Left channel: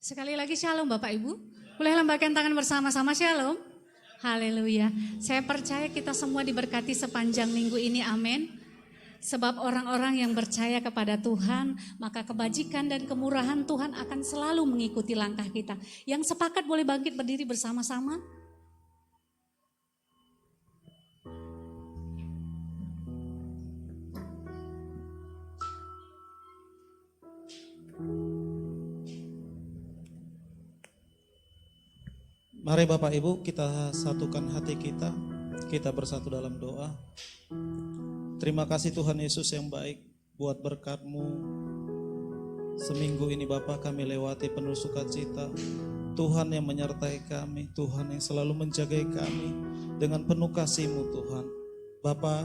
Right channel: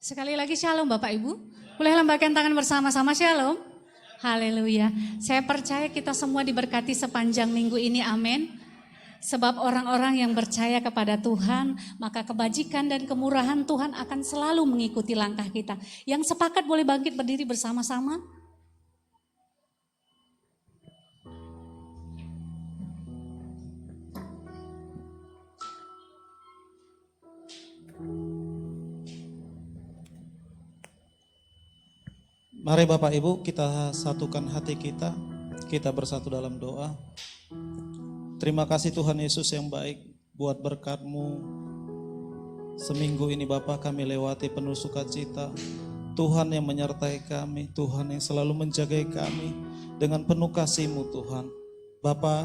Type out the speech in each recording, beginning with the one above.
Sekali lagi shalom Bapak Ibu. Boleh lambaikan tangan bersama-sama shalom. Haleluya. Saya percaya kita semua diberkati sepanjang minggu ini, amin. Sebab orang-orang yang percaya kepada Tuhan, maka kebajikan dan kemurahan Tuhan akan selalu mengikuti langkah kita. Yang sepakat boleh bangkit berdiri bersama-sama. Mari Bapak Ibu kita satukan hati kita bersatu dalam doa. Terima kasih Tuhan Yesus yang baik buat berkat-Mu. Seminggu ini Bapak kami lewati penuh sukacita. Tuhan yang menyertai kami, Tuhan yang selalu menjaga kami dengan penuh kasih-Mu Tuhan. Bapak,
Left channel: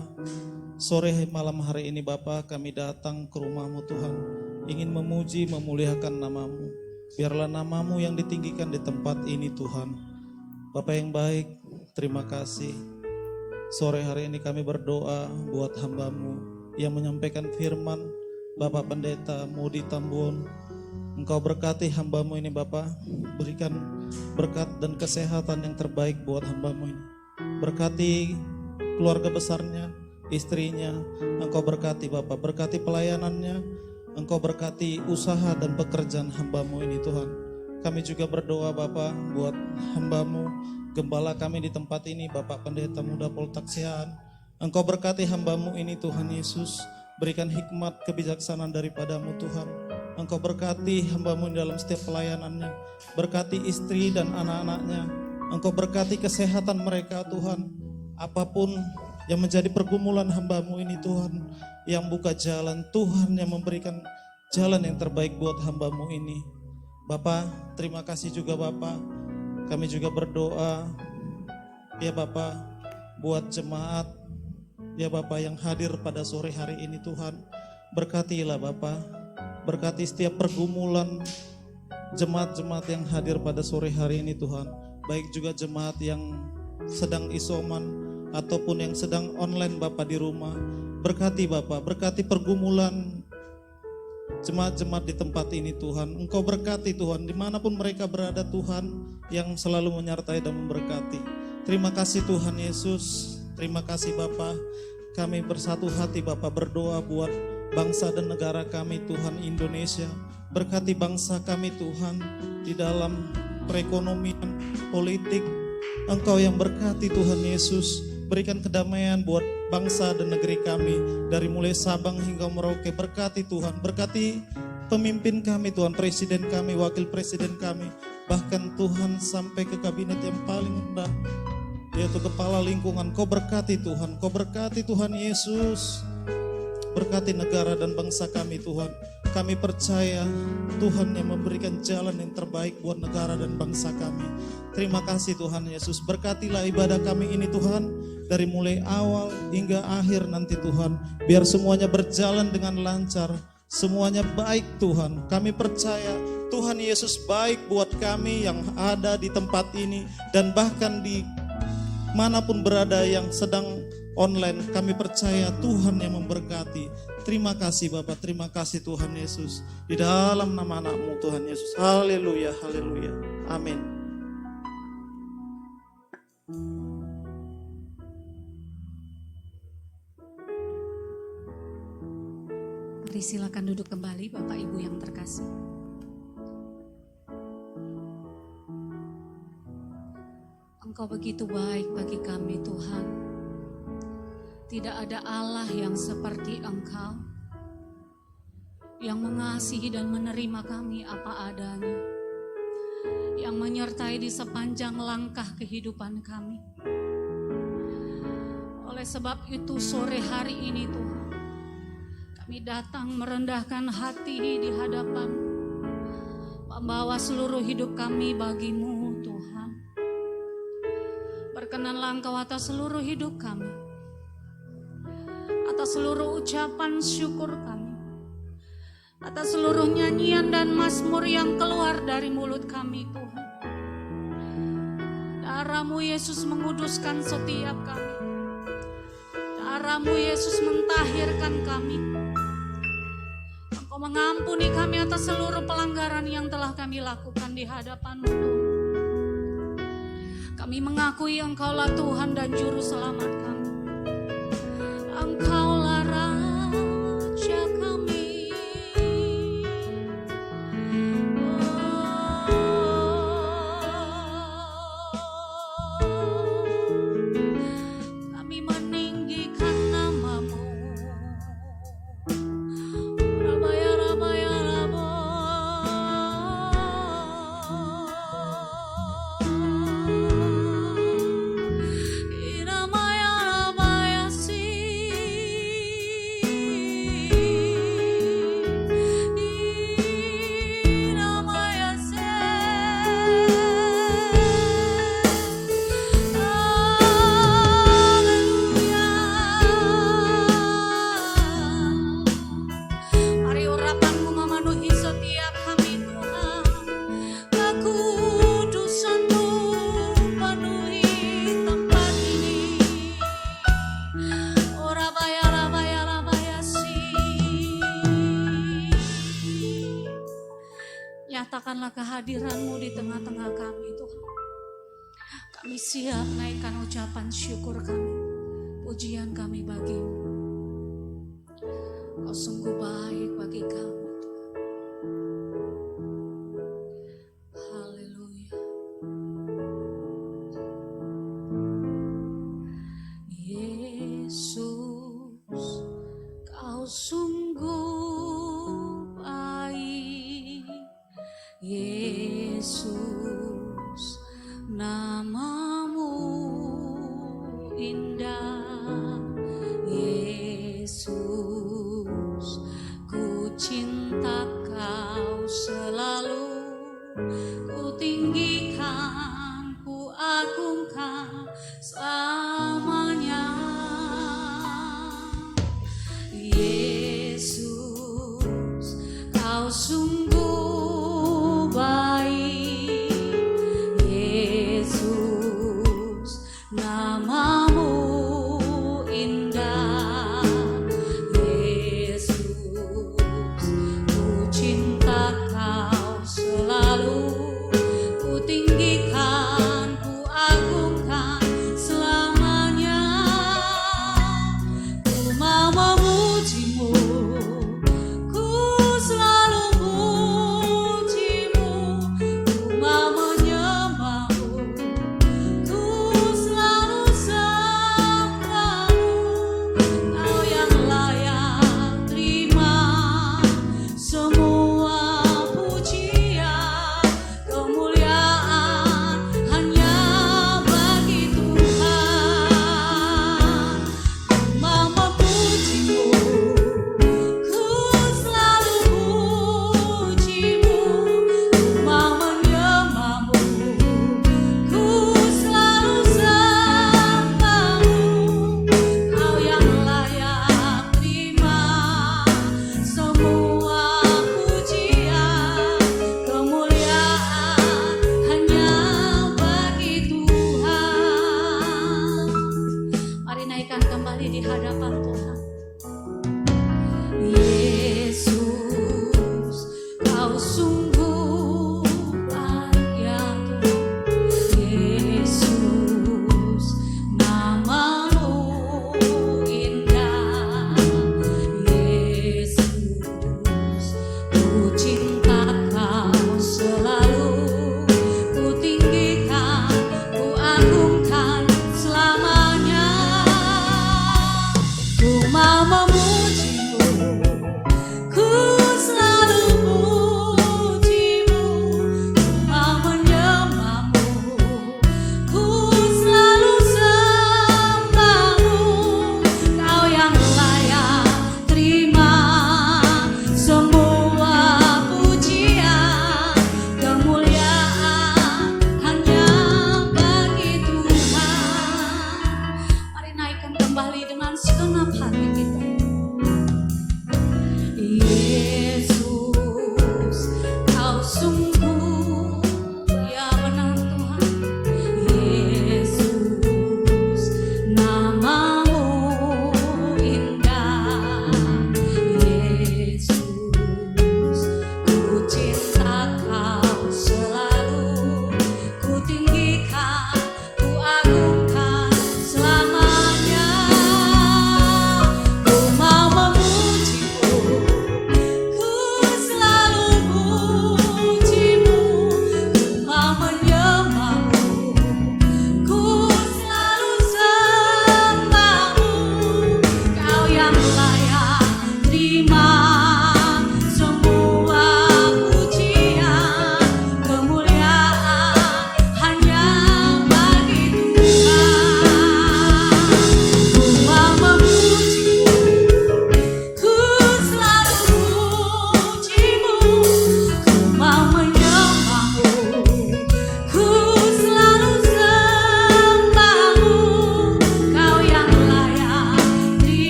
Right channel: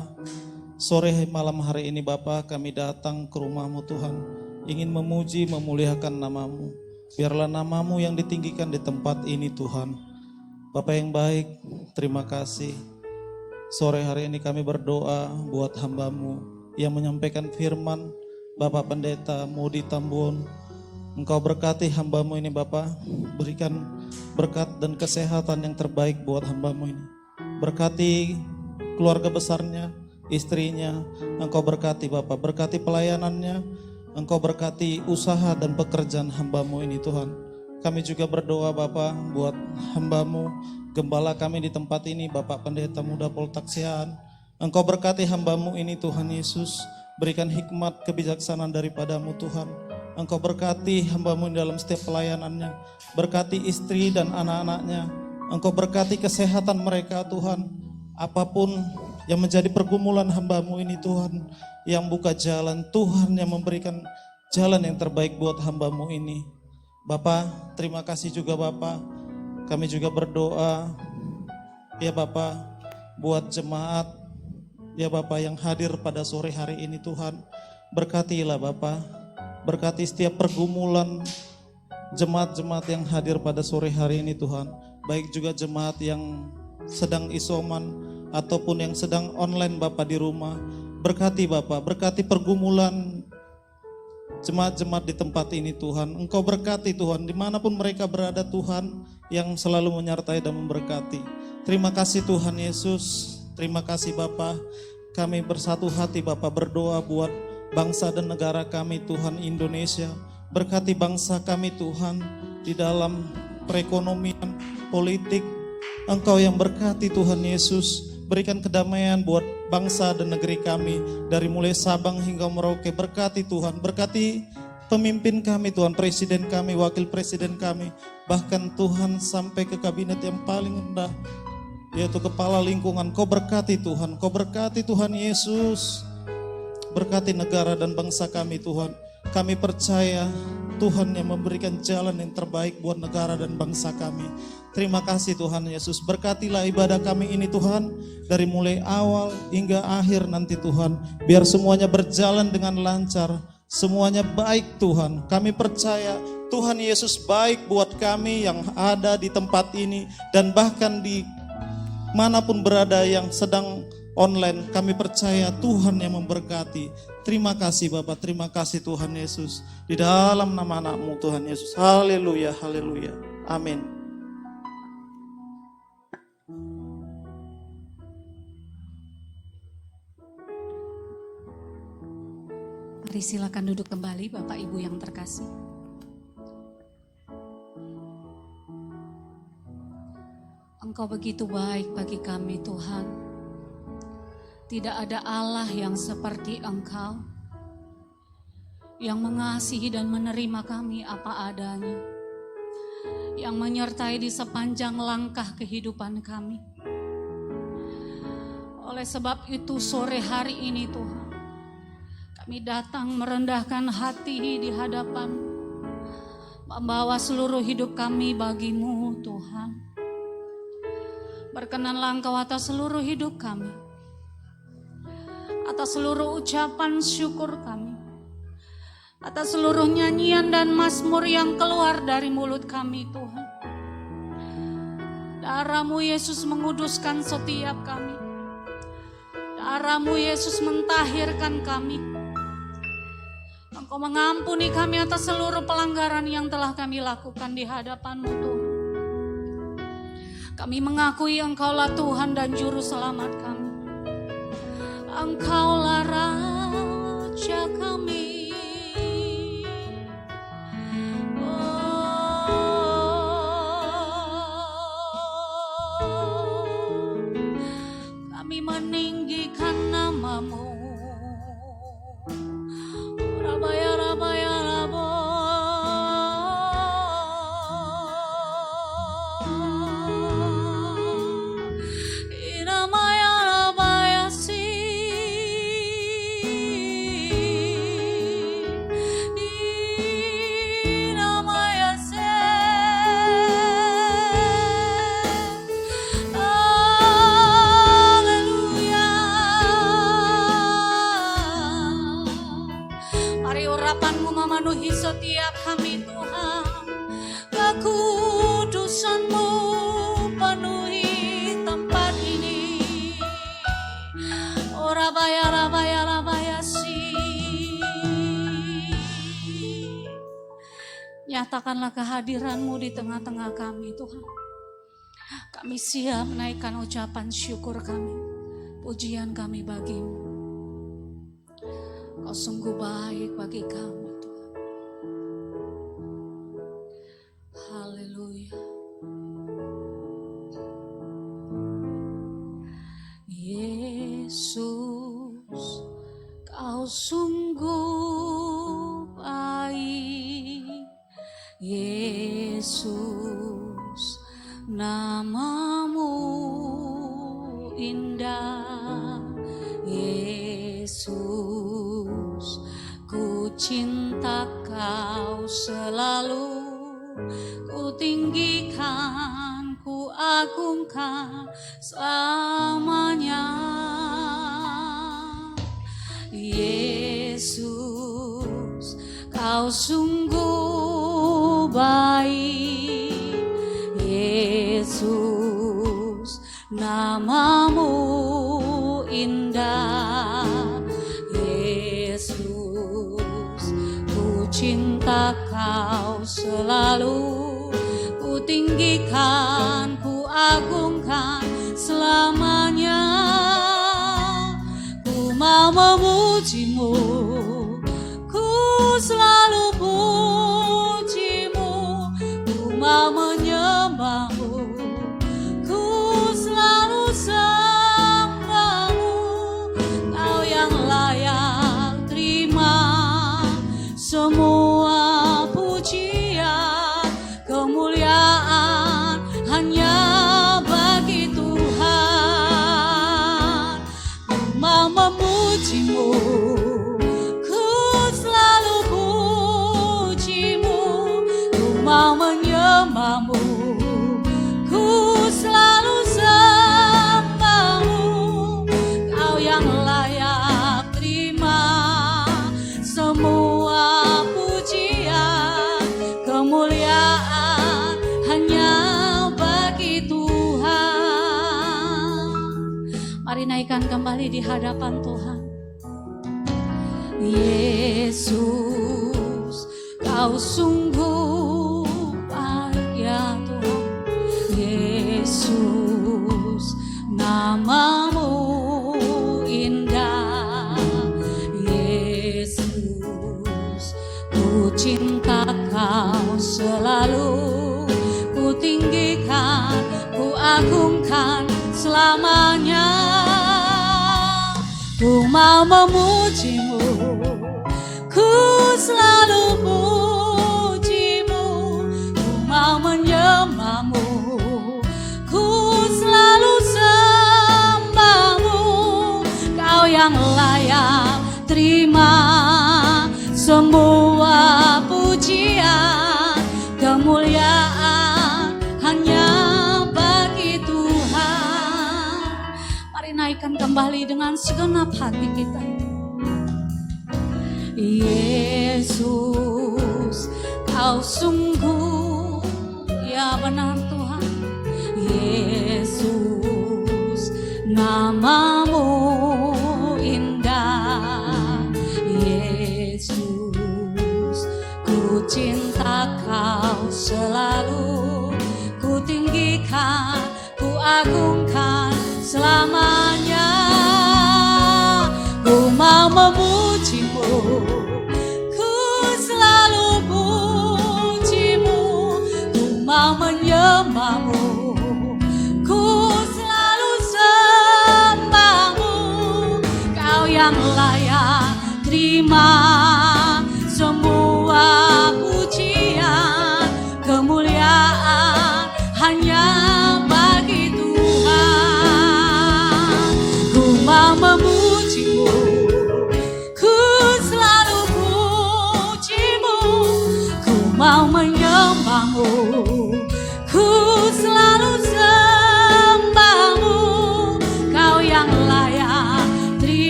sore malam hari ini Bapak kami datang ke rumah-Mu Tuhan, ingin memuji memuliakan nama-Mu. Biarlah nama-Mu yang ditinggikan di tempat ini Tuhan. Bapak yang baik, terima kasih. Sore hari ini kami berdoa buat hamba-Mu yang menyampaikan firman, Bapak Pendeta Mudi Tambun. Engkau berkati hamba-Mu ini Bapak, berikan berkat dan kesehatan yang terbaik buat hamba-Mu ini. Berkati keluarga besarnya, istrinya, Engkau berkati Bapak, berkati pelayanannya, Engkau berkati usaha dan pekerjaan hamba-Mu ini Tuhan. Kami juga berdoa Bapak buat hamba-Mu, gembala kami di tempat ini, Bapak Pendeta Muda Poltaksian. Engkau berkati hamba-Mu ini Tuhan Yesus, berikan hikmat kebijaksanaan daripada-Mu Tuhan. Engkau berkati hamba-Mu dalam setiap pelayanannya, berkati istri dan anak-anaknya. Engkau berkati kesehatan mereka Tuhan, apapun yang menjadi pergumulan hamba-Mu ini Tuhan, yang buka jalan, Tuhan yang memberikan jalan yang terbaik buat hamba-Mu ini. Bapak, terima kasih juga Bapak. Kami juga berdoa, ya Bapak, buat jemaat, ya Bapak yang hadir pada sore hari ini Tuhan. Berkatilah Bapak, berkati setiap pergumulan jemaat-jemaat yang hadir pada sore hari ini Tuhan. Baik juga jemaat yang sedang isoman ataupun yang sedang online Bapak di rumah. Berkati Bapak, berkati pergumulan jemaat-jemaat di tempat ini Tuhan. Engkau berkati Tuhan dimanapun mereka berada Tuhan, yang selalu menyertai dan memberkati. Terima kasih Tuhan Yesus. Terima kasih Bapak. Kami bersatu hati Bapak berdoa buat bangsa dan negara kami Tuhan Indonesia. Berkati bangsa kami Tuhan di dalam perekonomian, politik. Engkau yang berkati Tuhan Yesus. Berikan kedamaian buat bangsa dan negeri kami, dari mulai Sabang hingga Merauke. Berkati Tuhan, berkati pemimpin kami Tuhan, presiden kami, wakil presiden kami, bahkan Tuhan sampai ke kabinet yang paling rendah, yaitu kepala lingkungan. Kau berkati Tuhan, Kau berkati Tuhan Yesus. Berkati negara dan bangsa kami Tuhan. Kami percaya Tuhan yang memberikan jalan yang terbaik buat negara dan bangsa kami. Terima kasih Tuhan Yesus. Berkatilah ibadah kami ini Tuhan, dari mulai awal hingga akhir nanti Tuhan. Biar semuanya berjalan dengan lancar, semuanya baik Tuhan. Kami percaya Tuhan Yesus baik buat kami yang ada di tempat ini, dan bahkan di manapun berada yang sedang online. Kami percaya Tuhan yang memberkati. Terima kasih Bapak, terima kasih Tuhan Yesus. Di dalam nama anak-Mu Tuhan Yesus. Haleluya, haleluya. Amin. Mari silakan duduk kembali Bapak Ibu yang terkasih. Engkau begitu baik bagi kami Tuhan. Tidak ada Allah yang seperti Engkau, yang mengasihi dan menerima kami apa adanya, yang menyertai di sepanjang langkah kehidupan kami. Oleh sebab itu sore hari ini Tuhan, kami datang merendahkan hati di hadapan, membawa seluruh hidup kami bagi-Mu Tuhan. Berkenanlah Engkau atas seluruh hidup kami, atas seluruh ucapan syukur kami, atas seluruh nyanyian dan mazmur yang keluar dari mulut kami Tuhan. Darah-Mu Yesus menguduskan setiap kami. Darah-Mu Yesus mentahirkan kami. Engkau mengampuni kami atas seluruh pelanggaran yang telah kami lakukan di hadapan-Mu Tuhan. Kami mengakui Engkaulah Tuhan dan Juru Selamat kami. Engkaulah Raja kami. Kami meninggikan nama-Mu. Rabaya, rabaya, rabo. Iramaya, rabaya, si. Iramaya, se. Mari urapan-Mu memenuhi setiap kami Tuhan. Kekudusan-Mu penuhi tempat ini. Oh rabaya, rabaya, rabaya si. Nyatakanlah kehadiran-Mu di tengah-tengah kami Tuhan. Kami siap menaikkan ucapan syukur kami, pujian kami bagi-Mu. Kau sungguh baik bagi kami Tuhan. Haleluya. Yesus, Kau sungguh baik. Yesus, nama-Mu indah. Yesus, ku cinta Kau selalu. Ku tinggikan, ku agungkan selamanya. Yesus, Kau sungguh baik. Yesus, nama-Mu indah. Yesus, ku cinta Kau selalu. Ku tinggikan, ku agungkan selamanya. Ku mau memuji-Mu, ku selalu puji-Mu.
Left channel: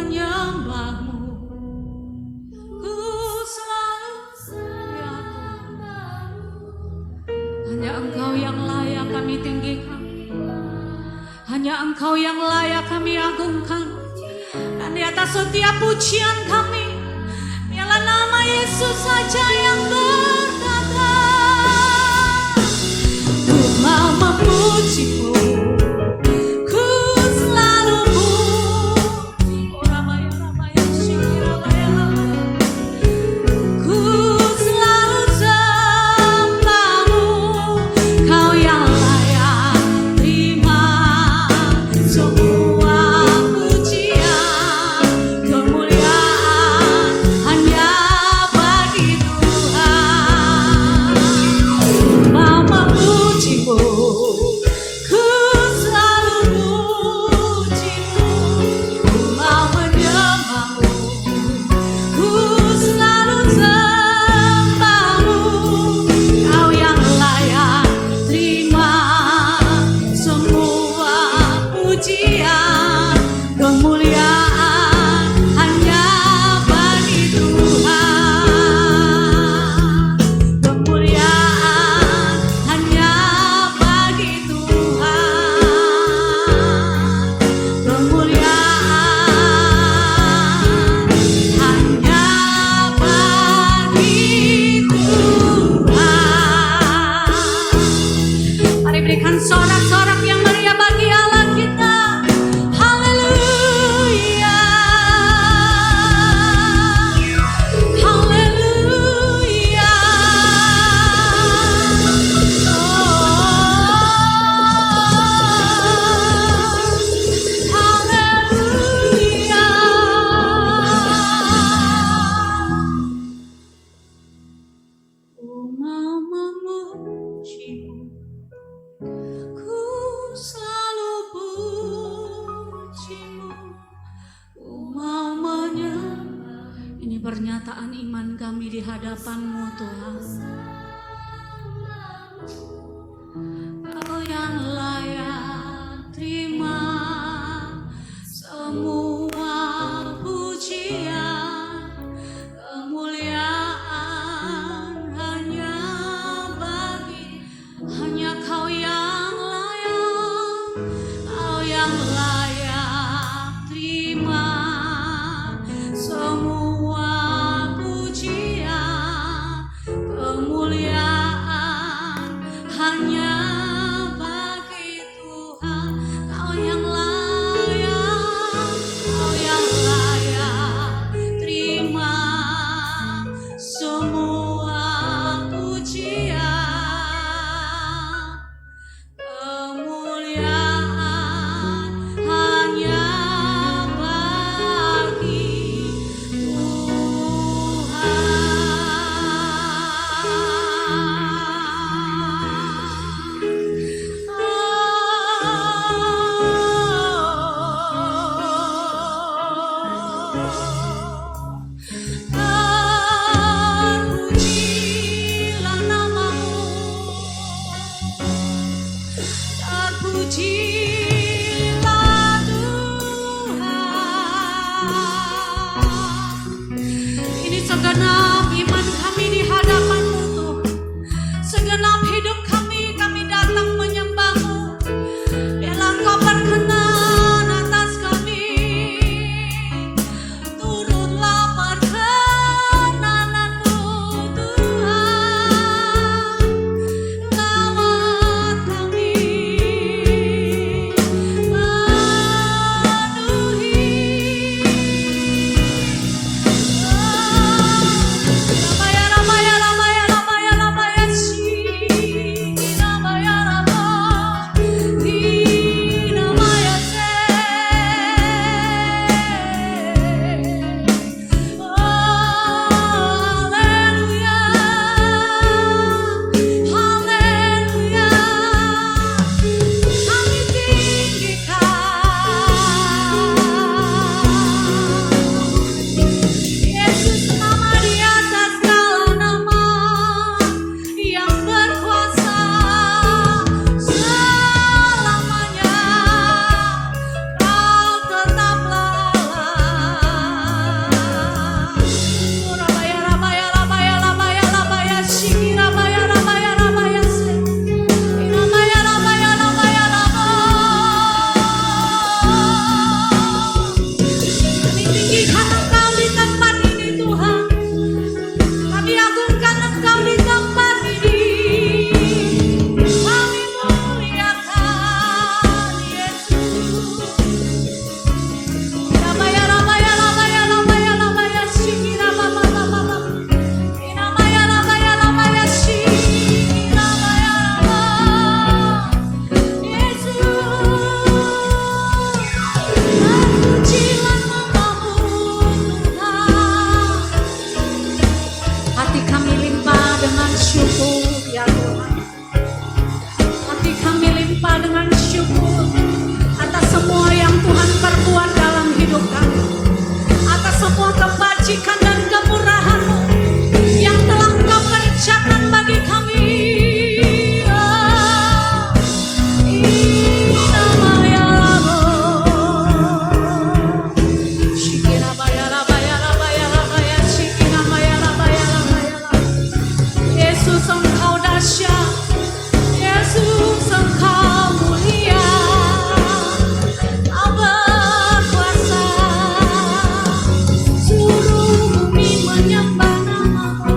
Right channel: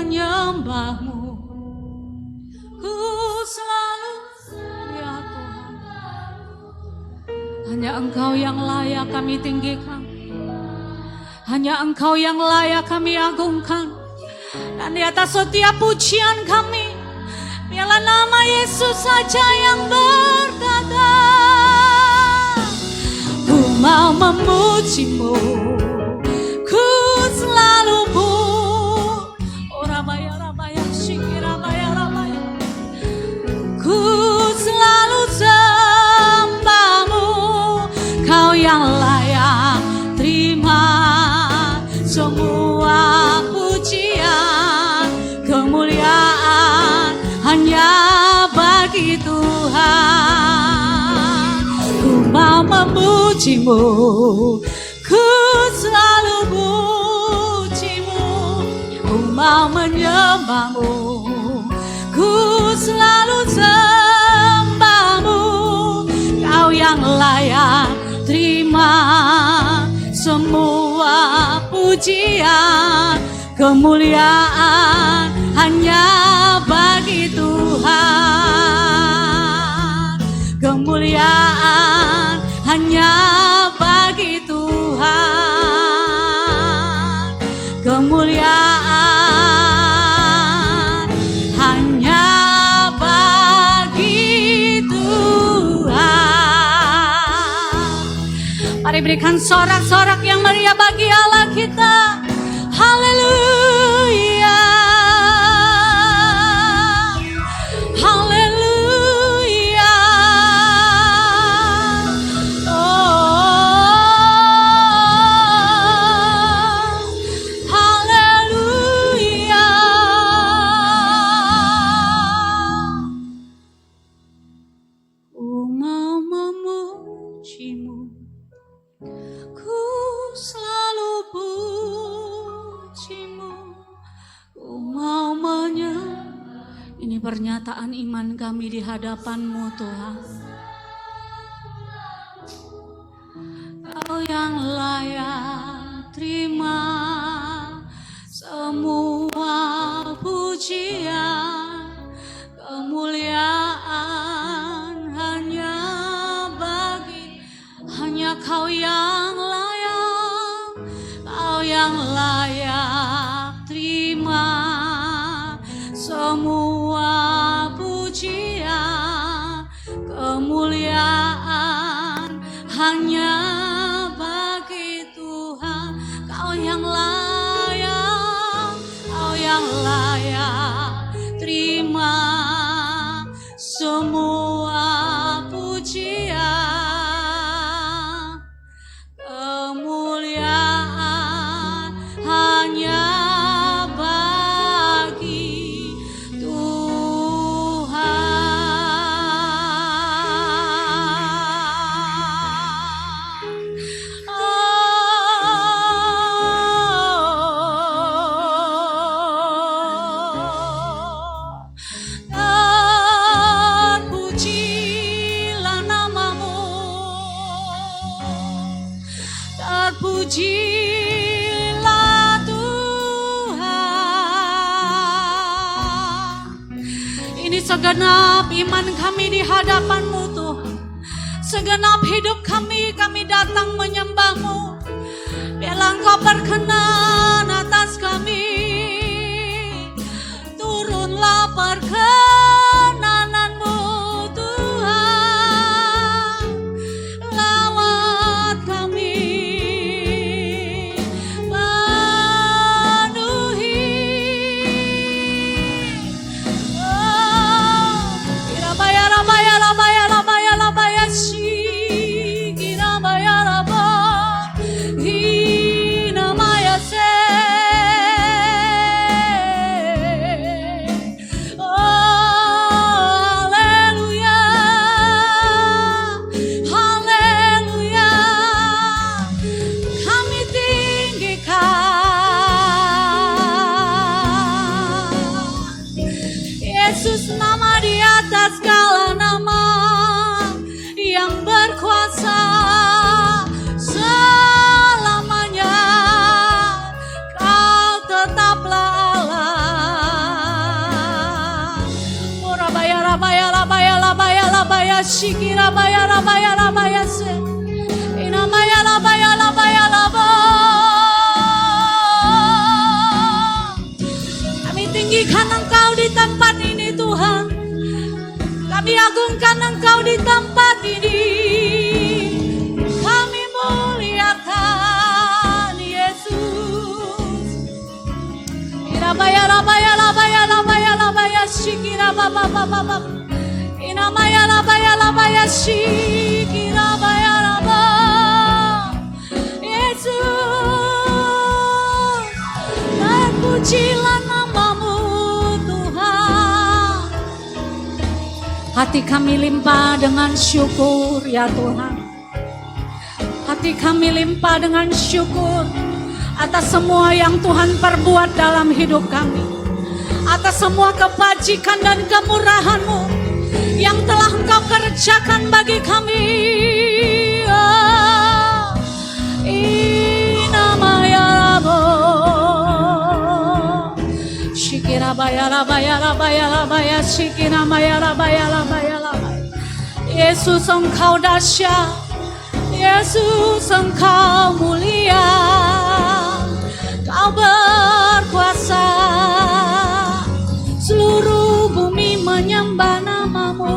menyembahmu, ku selalu ya Tuhan. Hanya Engkau yang layak kami tinggikan, hanya Engkau yang layak kami agungkan. Dan di atas setiap pujian kami, biarlah nama Yesus saja yang berkata, ku mau memujimu, ku selalu oh rabaya rabaya syikir rabaya rabaya, ku selalu sembahmu, kau yang layak terima semua pujian, kemuliaan hanya bagi Tuhan. Ku mau memujimu, ku selalu pujimu, ku mau menyembahmu, ku selalu sembahmu, kau yang layak terima semua pujian, kemuliaan hanya bagi Tuhan, kemuliaan hanya bagi Tuhan, kemuliaan hanya bagi Tuhan. Mari berikan sorak-sorak yang meriah bagi Allah kita. Haleluya, haleluya, haleluya. Ku mau memujimu, ku selalu pujimu, ku mau ini pernyataan iman kami di hadapan-Mu Tuhan. Kau yang layak terima semua pujian, kemuliaan hanya Kau yang layak, Kau yang layak terima semua pujian, kemuliaan hanya bagi Tuhan. Kau yang layak, Kau yang layak terima semua pujian, kemuliaan hanya bagi Tuhan. Terpujilah namamu, terpujilah Tuhan. Ini segenap iman kami di hadapan-Mu Tuhan. Segenap hidup kami datang menyembah-Mu. Biarlah Engkau berkenan atas kami. Turunlah perkenanan-Mu Tuhan. Lawat kami, penuhi. Ramaya, ramaya, ramaya, ramaya, ramaya, pujilah nama-Mu Tuhan. Hati kami limpah dengan syukur ya Tuhan. Hati kami limpah dengan syukur atas semua yang Tuhan perbuat dalam hidup kami, atas semua kebajikan dan kemurahan-Mu yang telah Engkau kerjakan bagi kami. Yesus Engkau dahsyat, Yesus Engkau mulia, Kau berkuasa, seluruh bumi menyembah nama-Mu.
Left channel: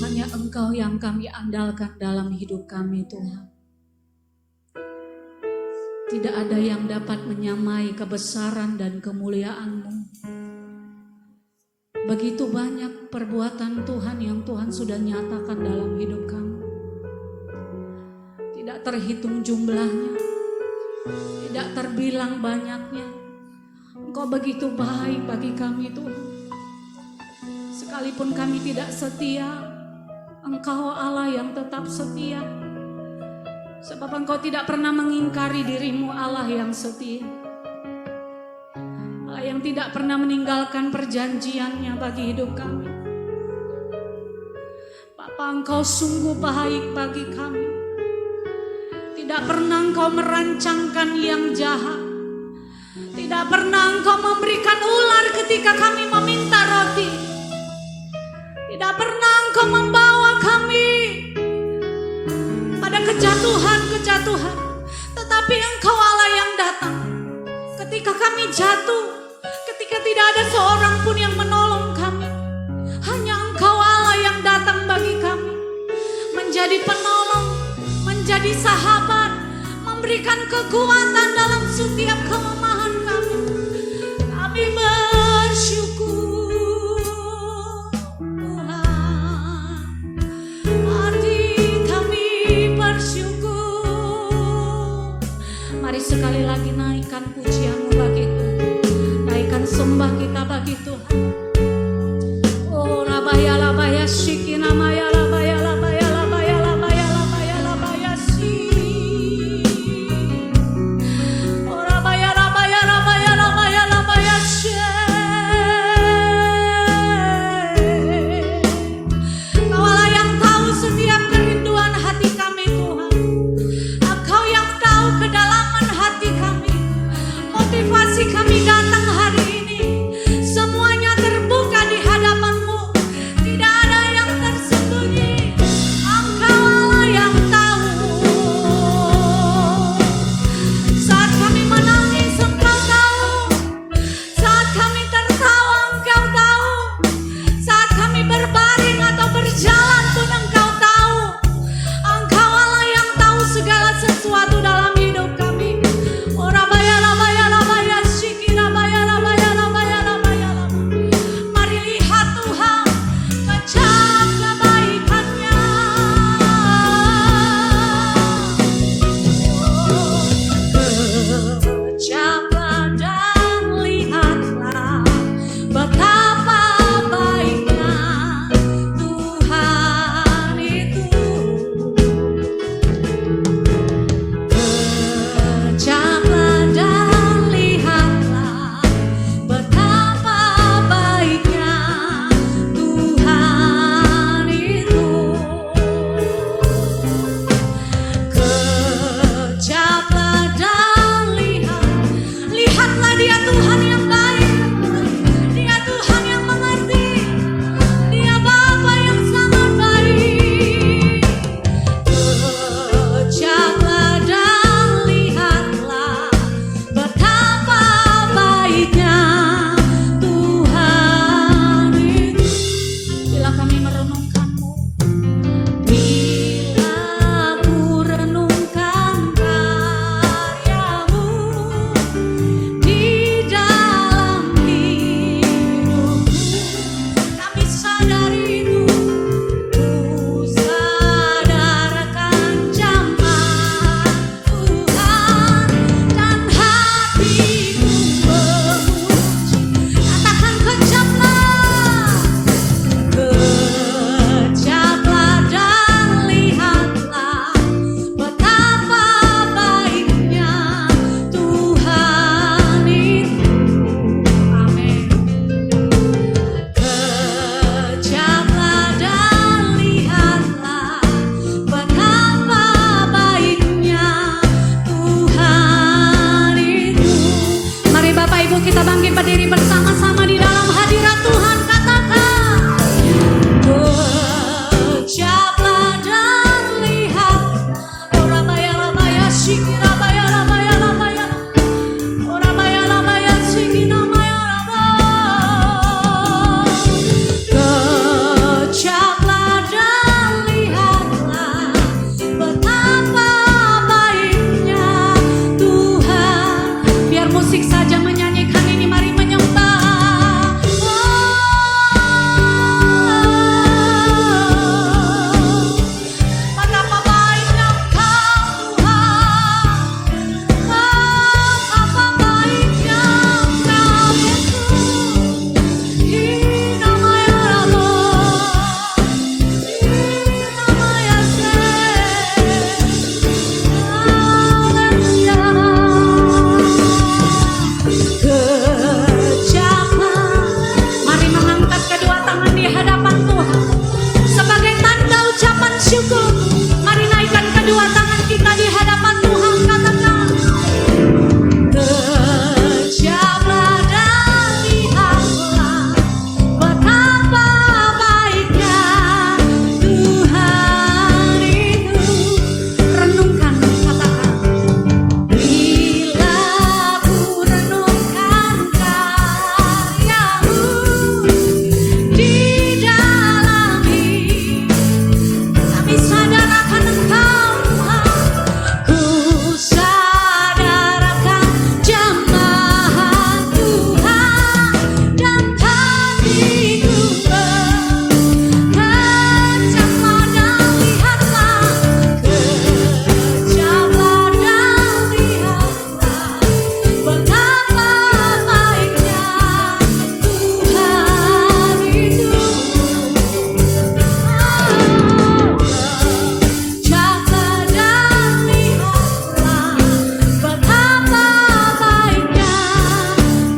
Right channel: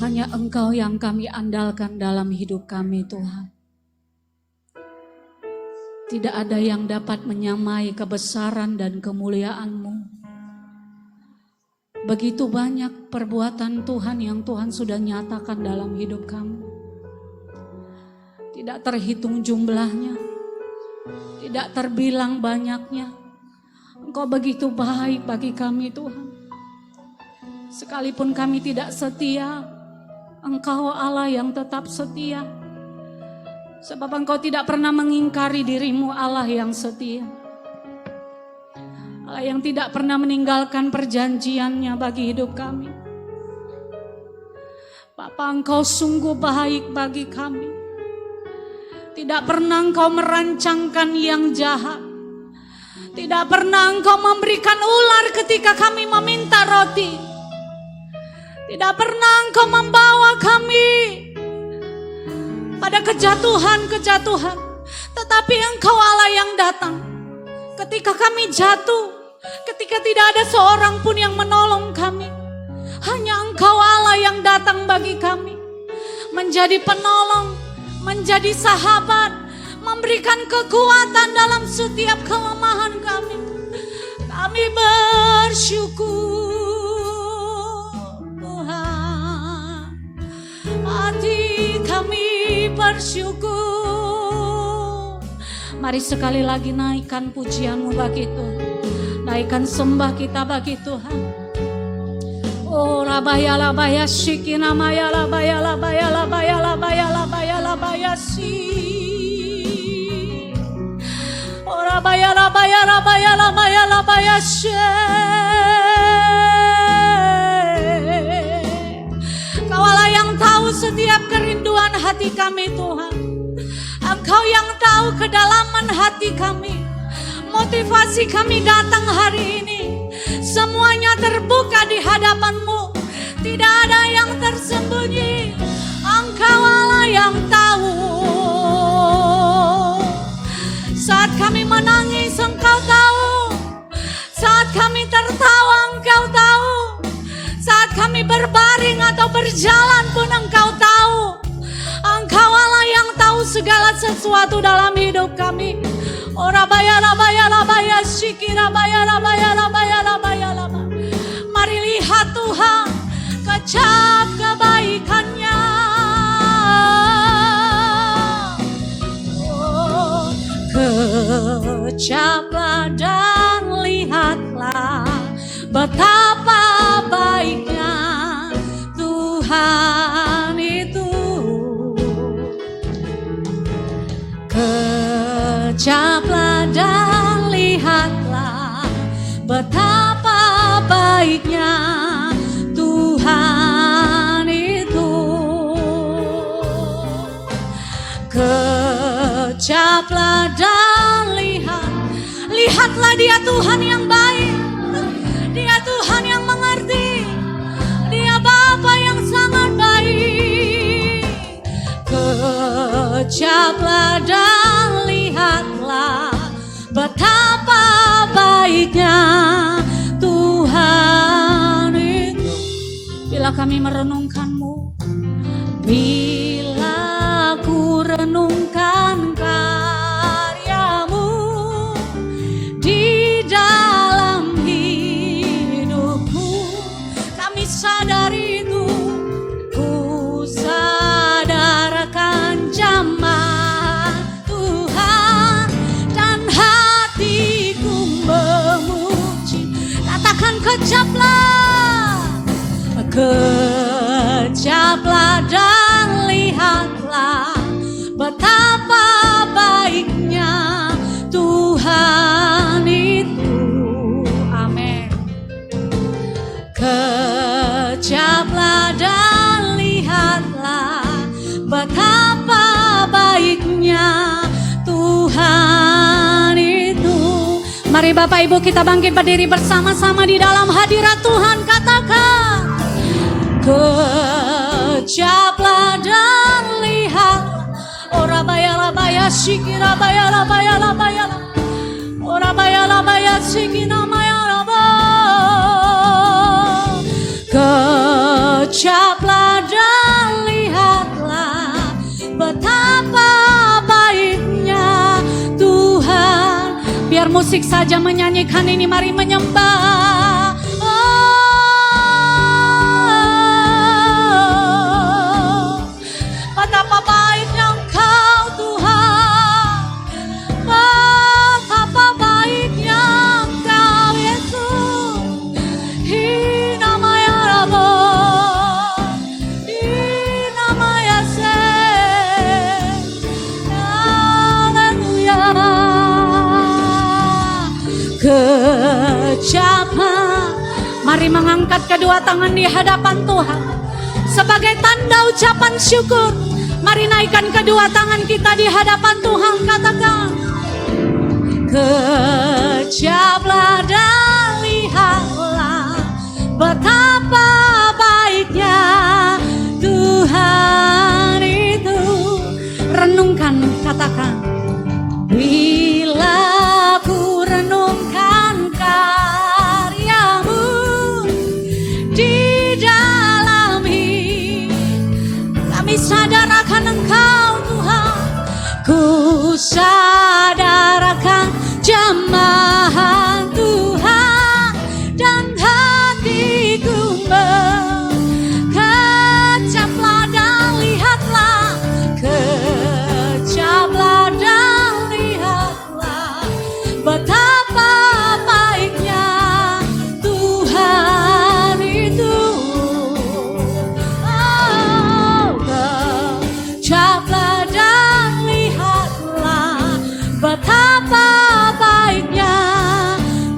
Hanya Engkau yang kami andalkan dalam hidup kami Tuhan. Tidak ada yang dapat menyamai kebesaran dan kemuliaan-Mu. Begitu banyak perbuatan Tuhan yang Tuhan sudah nyatakan dalam hidup kami. Tidak terhitung jumlahnya, tidak terbilang banyaknya. Engkau begitu baik bagi kami Tuhan. Sekalipun kami tidak setia, Engkau Allah yang tetap setia. Sebab Engkau tidak pernah mengingkari diri-Mu, Allah yang setia. Yang tidak pernah meninggalkan perjanjiannya bagi hidup kami. Bapa, Engkau sungguh baik bagi kami. Tidak pernah Engkau merancangkan yang jahat. Tidak pernah Engkau memberikan ular ketika kami meminta roti. Tidak pernah Engkau membawa kami pada kejatuhan-kejatuhan. Tetapi Engkau Allah yang datang ketika kami jatuh. Ketika tidak ada seorang pun yang menolong kami, hanya Engkau Allah yang datang bagi kami, menjadi penolong, menjadi sahabat, memberikan kekuatan dalam setiap kelemahan kami. Kami bersyukur Tuhan, hati kami bersyukur. Mari sekali lagi naikkan pujian-Mu bagi Tuhan. Naikkan sembah kita bagi Tuhan. Oh rabaya labaya shikina maya labaya labaya labaya labaya labaya labaya si. Oh rabaya labaya labaya labaya labaya she. Kau Allah yang tahu setiap kerinduan hati kami Tuhan. Engkau yang tahu kedalaman hati kami. Motivasi kami datang hari ini, semuanya terbuka di hadapan-Mu. Tidak ada yang tersembunyi. Engkau Allah yang tahu. Saat kami menangis Engkau tahu. Saat kami tertawa Engkau tahu. Saat kami berbaring atau berjalan pun Engkau tahu. Engkau Allah yang tahu segala sesuatu dalam hidup kami. Ora bayara bayara bayara shikira bayara kita bangkit berdiri bersama-sama di dalam hadirat Tuhan. Katakan, kejaplah dan lihat. Ora baya labaya shikira baya labaya labaya. Ora baya labaya shikina maya laba. Kejaplah dan lihatlah betapa baiknya Tuhan. Biar musik saja menyanyikan ini, mari menyembah. Betapa baiknya Engkau Tuhan, betapa baiknya Engkau Yesus. Hinamaya Rabo, Hinamaya Se, Haleluya. Kejaplah, mari mengangkat kedua tangan di hadapan Tuhan sebagai tanda ucapan syukur. Mari naikkan kedua tangan kita di hadapan Tuhan. Katakan, kejaplah dan lihatlah betapa baiknya Tuhan itu. Renungkan, katakan, bila ku renungkan karyamu di dalam hidup, kami sadar akan Engkau Tuhan. Ku sadar akan jamahan Tuhan, dan hatiku kejaplah dan lihatlah. Kejaplah dan lihatlah betapa baiknya Tuhan itu. Kejaplah dan lihatlah betapa baiknya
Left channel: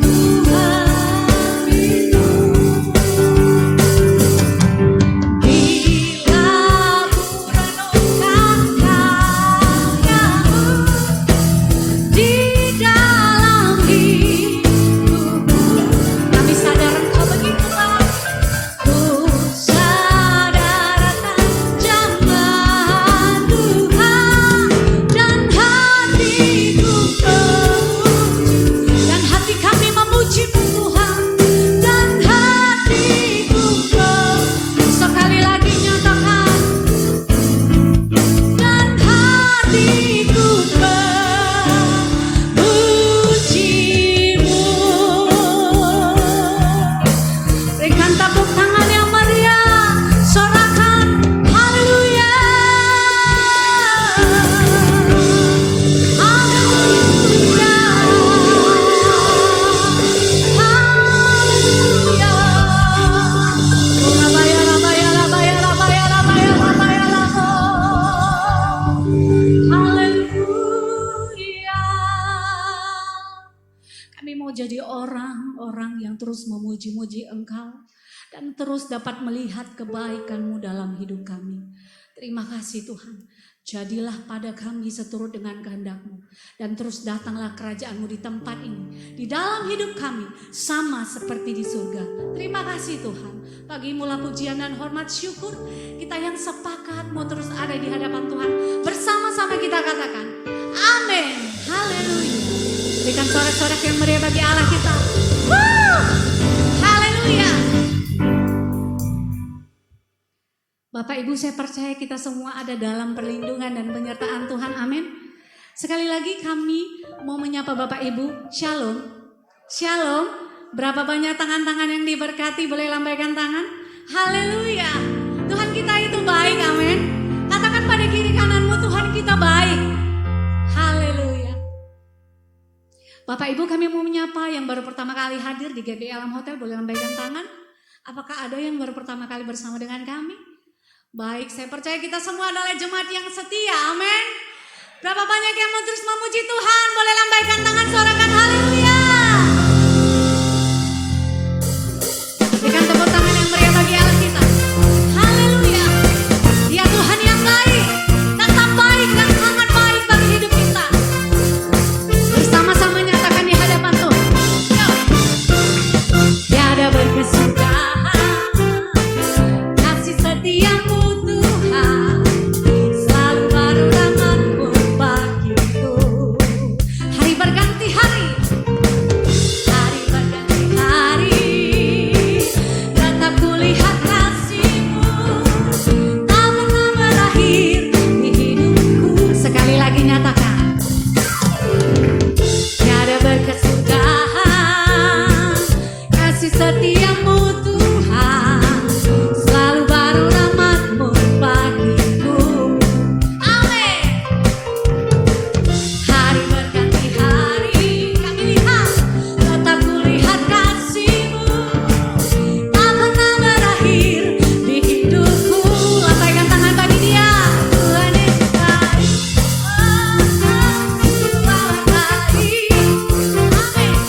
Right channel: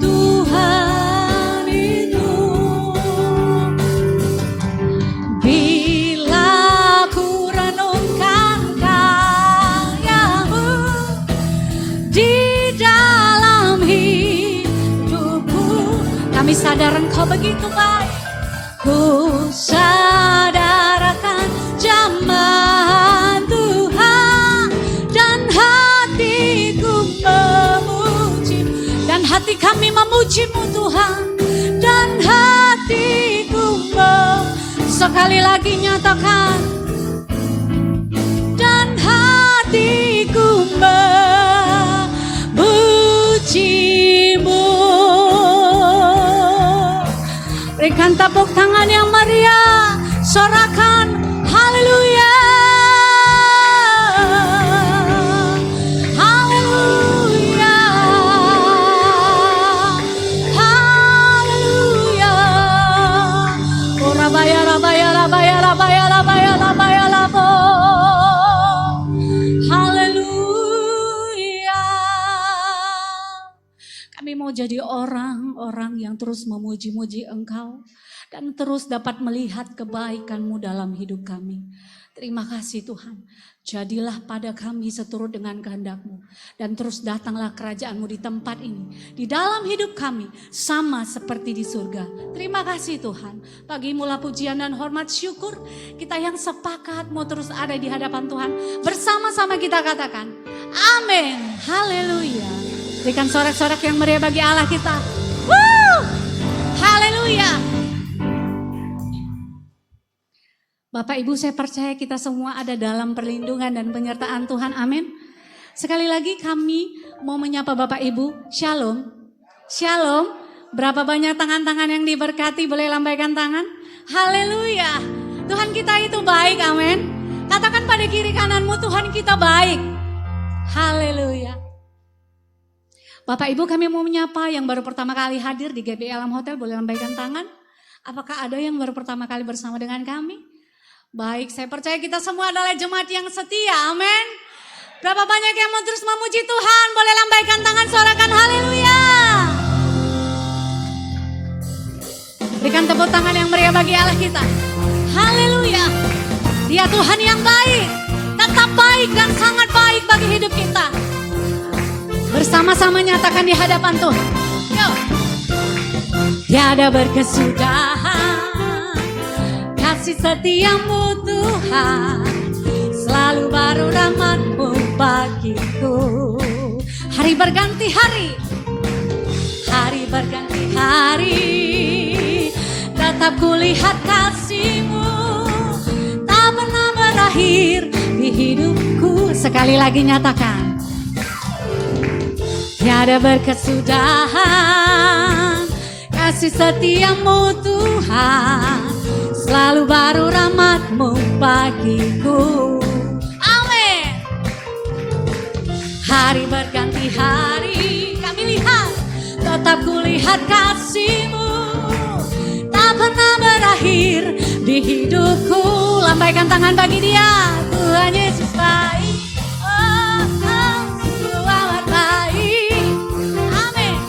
Tuhan itu. Bila ku renungkan karyamu di dalam hidupku, kami sadar Engkau begitu baik. Ku sadar akan jamahan Tuhan, dan hatiku memuji, dan hati kami memuji-Mu Tuhan, dan hatiku sekali lagi nyatakan, dan hatiku memuji-Mu. Berikan tepuk tangan yang meriah, sorakan haleluya. Haleluya. Haleluya. Ora baya labaya labaya labaya labaya labaya labo. Haleluya. Kami mau jadi orang-orang yang terus memuji-muji Engkau dan terus dapat melihat kebaikan-Mu dalam hidup kami. Terima kasih Tuhan. Jadilah pada kami seturut dengan kehendak-Mu, dan terus datanglah kerajaan-Mu di tempat ini, di dalam hidup kami, sama seperti di surga. Terima kasih Tuhan. Bagi-Mu-lah pujian dan hormat syukur. Kita yang sepakat mau terus ada di hadapan Tuhan, bersama-sama kita katakan amin. Haleluya. Berikan sorak-sorak yang meriah bagi Allah kita. Woo! Haleluya. Bapak Ibu, saya percaya kita semua ada dalam perlindungan dan penyertaan Tuhan. Amin. Sekali lagi kami mau menyapa Bapak Ibu. Shalom. Shalom. Berapa banyak tangan-tangan yang diberkati? Boleh lambaikan tangan. Haleluya. Tuhan kita itu baik. Amin. Katakan pada kiri kananmu, Tuhan kita baik. Haleluya. Bapak Ibu, kami mau menyapa yang baru pertama kali hadir di GBI Alam Hotel. Boleh lambaikan tangan. Apakah ada yang baru pertama kali bersama dengan kami? Baik, saya percaya kita semua adalah jemaat yang setia, amin. Berapa banyak yang mau terus memuji Tuhan? Boleh lambaikan tangan, sorakan haleluya. Berikan tepuk tangan yang meriah bagi Allah kita. Haleluya. Dia Tuhan yang baik, tetap baik dan sangat baik bagi hidup kita. Bersama-sama nyatakan di hadapan Tuhan. Yuk. setiamu Tuhan, selalu baru rahmat-Mu bagiku. Amin. Hari berganti hari, kami lihat, tetap kulihat kasih-Mu, tak pernah berakhir di hidupku. Lambaikan tangan bagi Dia. Tuhan Yesus baik, oh sungguh amat baik. Amin.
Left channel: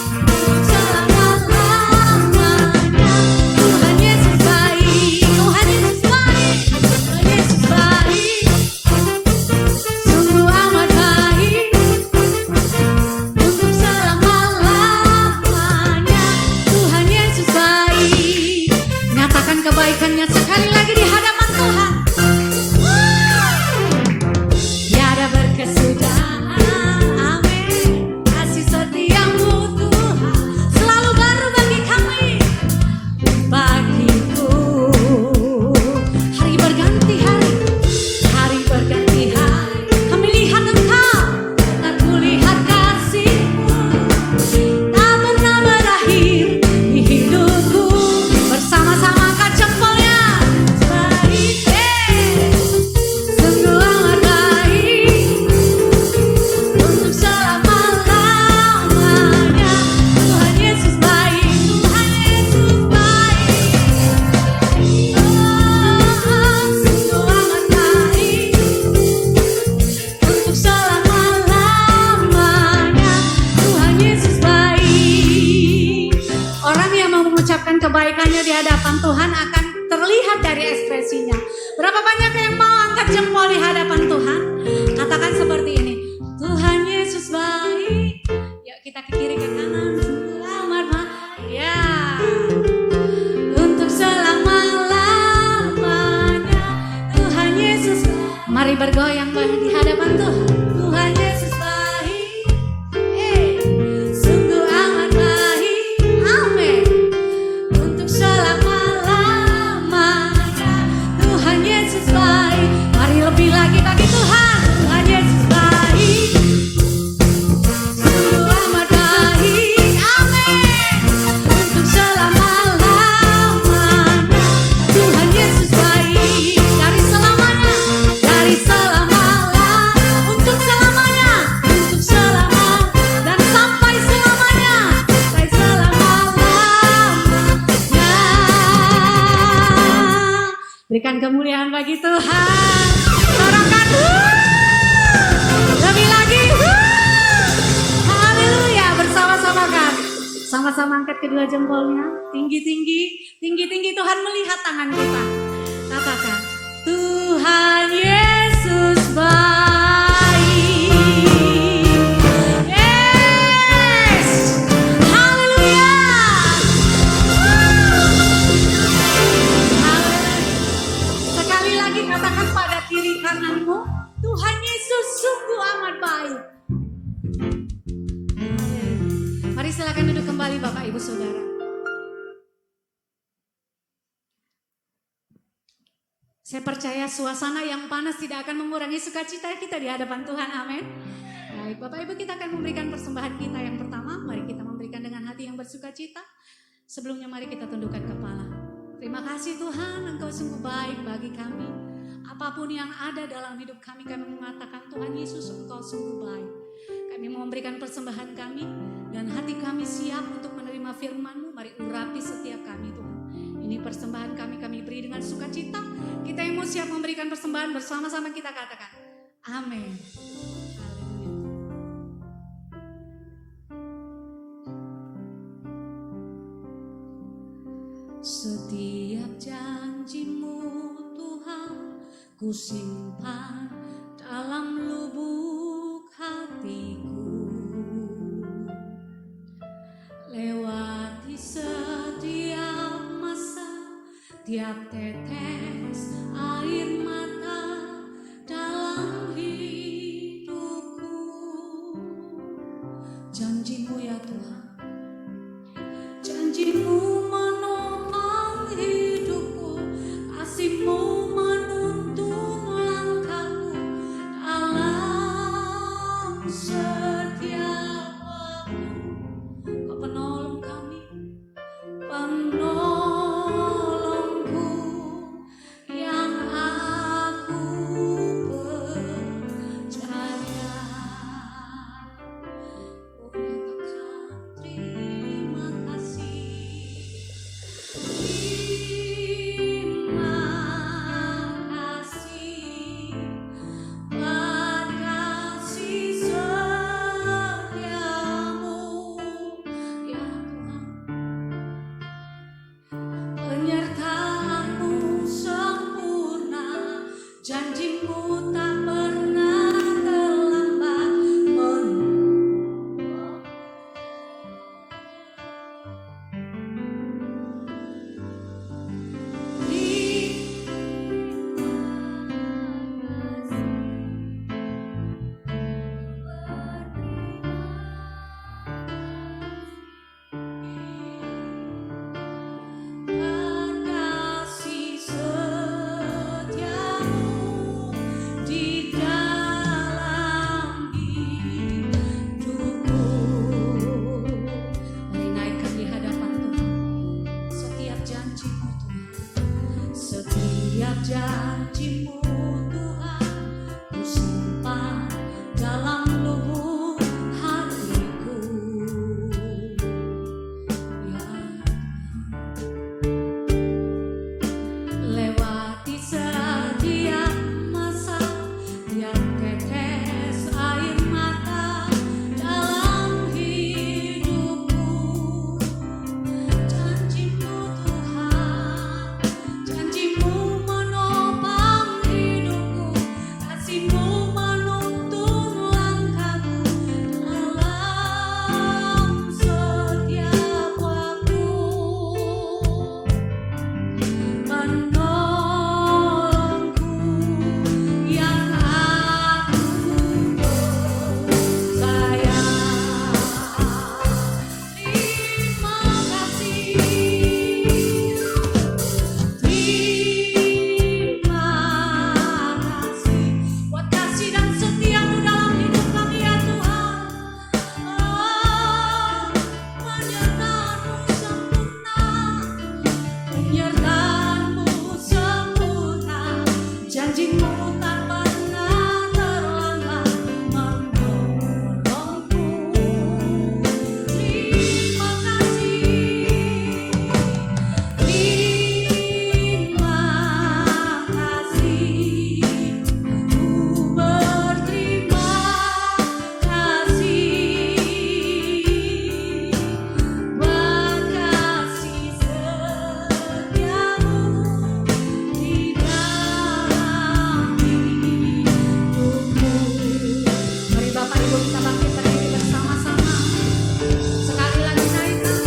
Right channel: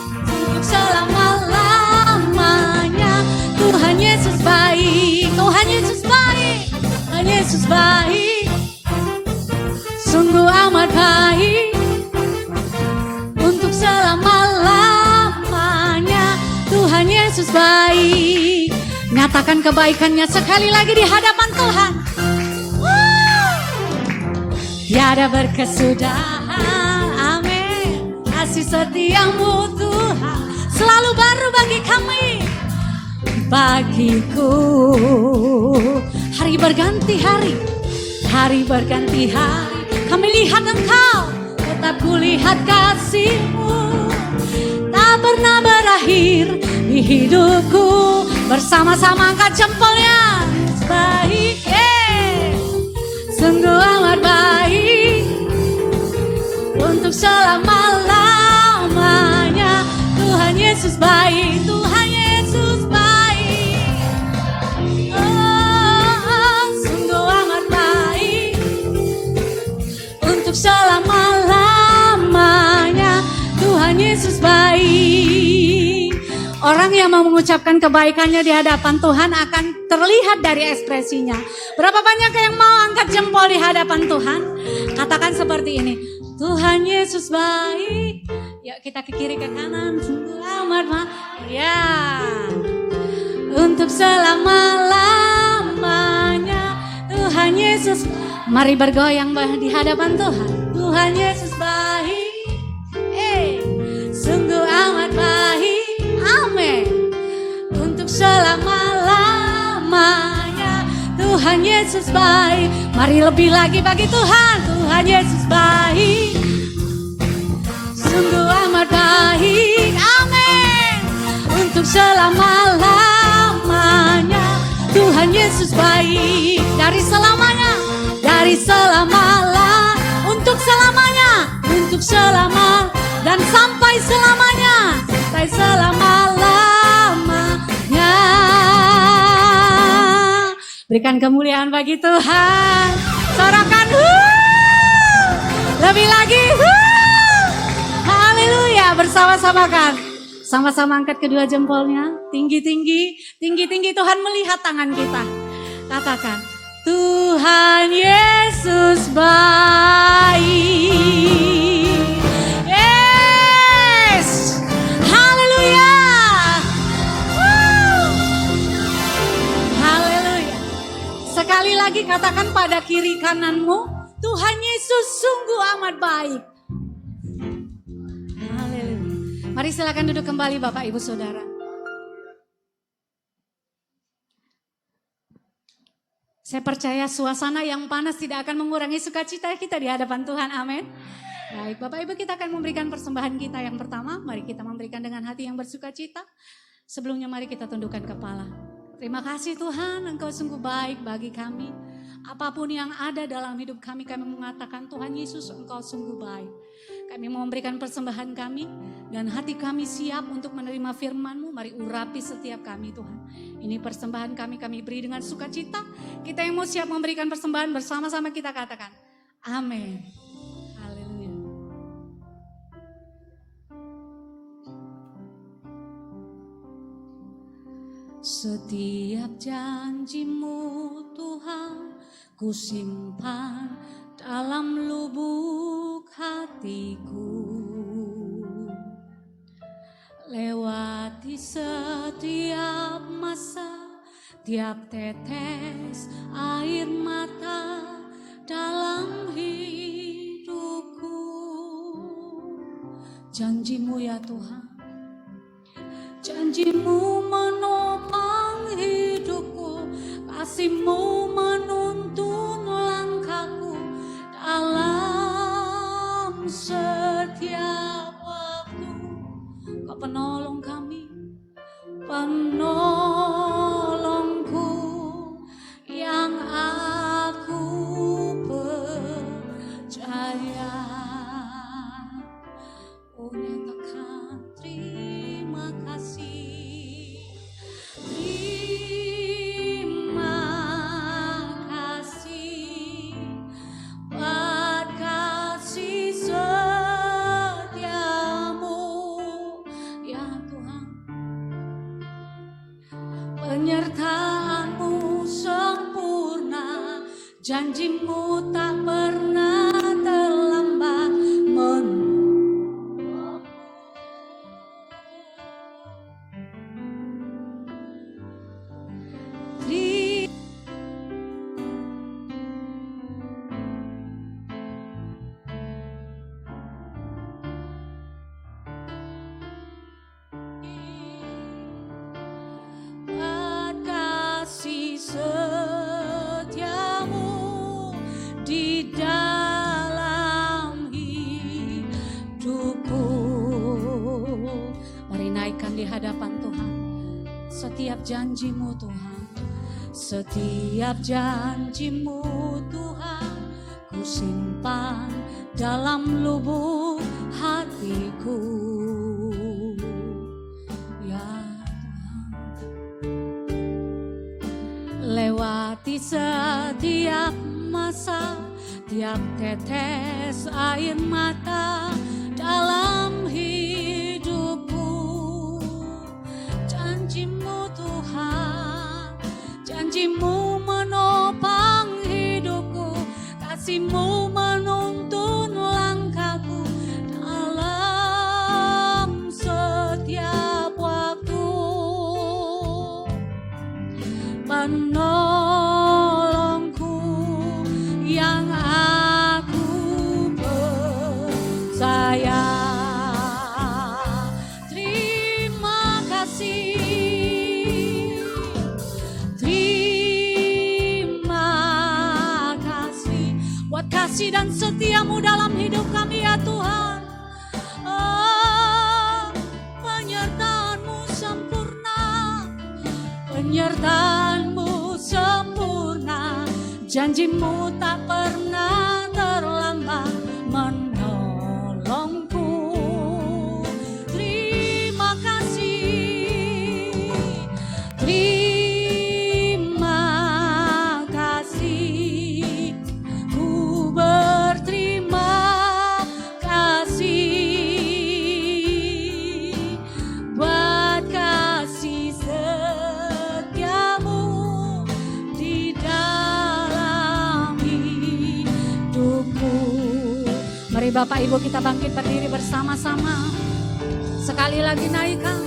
Selama-lamanya Tuhan Yesus baik, Tuhan Yesus baik, Tuhan Yesus baik, sungguh amat baik. Untuk selama-lamanya Tuhan Yesus baik. Nyatakan kebaikannya sekali lagi di hadapan Tuhan. Tiada berkesudahan, amin. Kasih setiamu Tuhan, selalu baru bagi kami, bagiku. Hari berganti hari, hari berganti hari, kami lihat Engkau, tetap kulihat kasih-Mu, tak pernah berakhir di hidupku. Bersama-sama angkat jempolnya. Baik, sungguh amat baik. Untuk selama-lamanya Tuhan Yesus baik, Tuhan Yesus baik. Oh, sungguh amat baik. Untuk selama-lamanya Tuhan Yesus baik. Orang yang mau mengucapkan kebaikannya di hadapan Tuhan akan terlihat dari ekspresinya. Berapa banyak yang mau angkat jempol di hadapan Tuhan? Katakan seperti ini, Tuhan Yesus baik. Yuk kita ke kiri ke kanan. Selamat ya. Untuk selama-lamanya Tuhan Yesus. Mari bergoyang di hadapan Tuhan. Tuhan Yesus baik. Sungguh amat baik. Amin. Untuk selama-lamanya Tuhan Yesus baik. Mari lebih lagi bagi Tuhan. Tuhan Yesus baik, sungguh amat baik. Amin. Untuk selama-lamanya Tuhan Yesus baik. Dari selamanya, dari selama-lamanya, untuk selamanya, untuk selama dan sampai selamanya, sampai selama-lamanya. Berikan kemuliaan bagi Tuhan. Sorakan lebih lagi. Haleluya. Bersama-sama kan. Sama-sama angkat kedua jempolnya. Tinggi-tinggi. Tinggi-tinggi. Tuhan melihat tangan kita. Katakan, Tuhan Yesus baik. Yes. Haleluya. Haleluya. Sekali lagi katakan pada kiri kananmu, Tuhan Yesus sungguh amat baik. Haleluya. Mari silakan duduk kembali Bapak Ibu Saudara. Saya percaya suasana yang panas tidak akan mengurangi sukacita kita di hadapan Tuhan. Amin. Baik, Bapak Ibu, kita akan memberikan persembahan kita yang pertama. Mari kita memberikan dengan hati yang bersukacita. Sebelumnya mari kita tundukkan kepala. Terima kasih Tuhan, Engkau sungguh baik bagi kami. Apapun yang ada dalam hidup kami, kami mengatakan Tuhan Yesus Engkau sungguh baik. Kami mau memberikan persembahan kami dan hati kami siap untuk menerima firman-Mu. Mari urapi setiap kami Tuhan. Ini persembahan kami beri dengan sukacita. Kita yang mau siap memberikan persembahan bersama-sama kita katakan amin. Haleluya. Setiap janji-Mu Tuhan ku simpan dalam lubuk hatiku. Lewati setiap masa, tiap tetes air mata dalam hidupku. Janji-Mu ya Tuhan, janji-Mu menopang hidupku, kasih-Mu menuntun langkahku dalam setiap waktu. Kau penolong kami, Setiap janji-Mu Tuhan ku simpan dalam lubuk hatiku. Ya lewati setiap masa, tiap tetes air mata dalam hidupku. Janji-Mu Tuhan, janji-Mu menopang hidupku, kasih-Mu menuntun langkahku dalam setiap waktu. Menolongku yang aku percaya. Terima kasih, terima kasih buat kasih dan setia-Mu dalam hidup kami ya Tuhan. Oh, penyertaan-Mu sempurna, penyertaan-Mu sempurna, janji-Mu tak pernah terlambat menolongku. Terima kasih, terima kasih, ku berterima kasih buat kasih setia-Mu di dalam hidupku. Mari Bapak Ibu kita bangkit berdiri bersama-sama. Sekali lagi naikkan.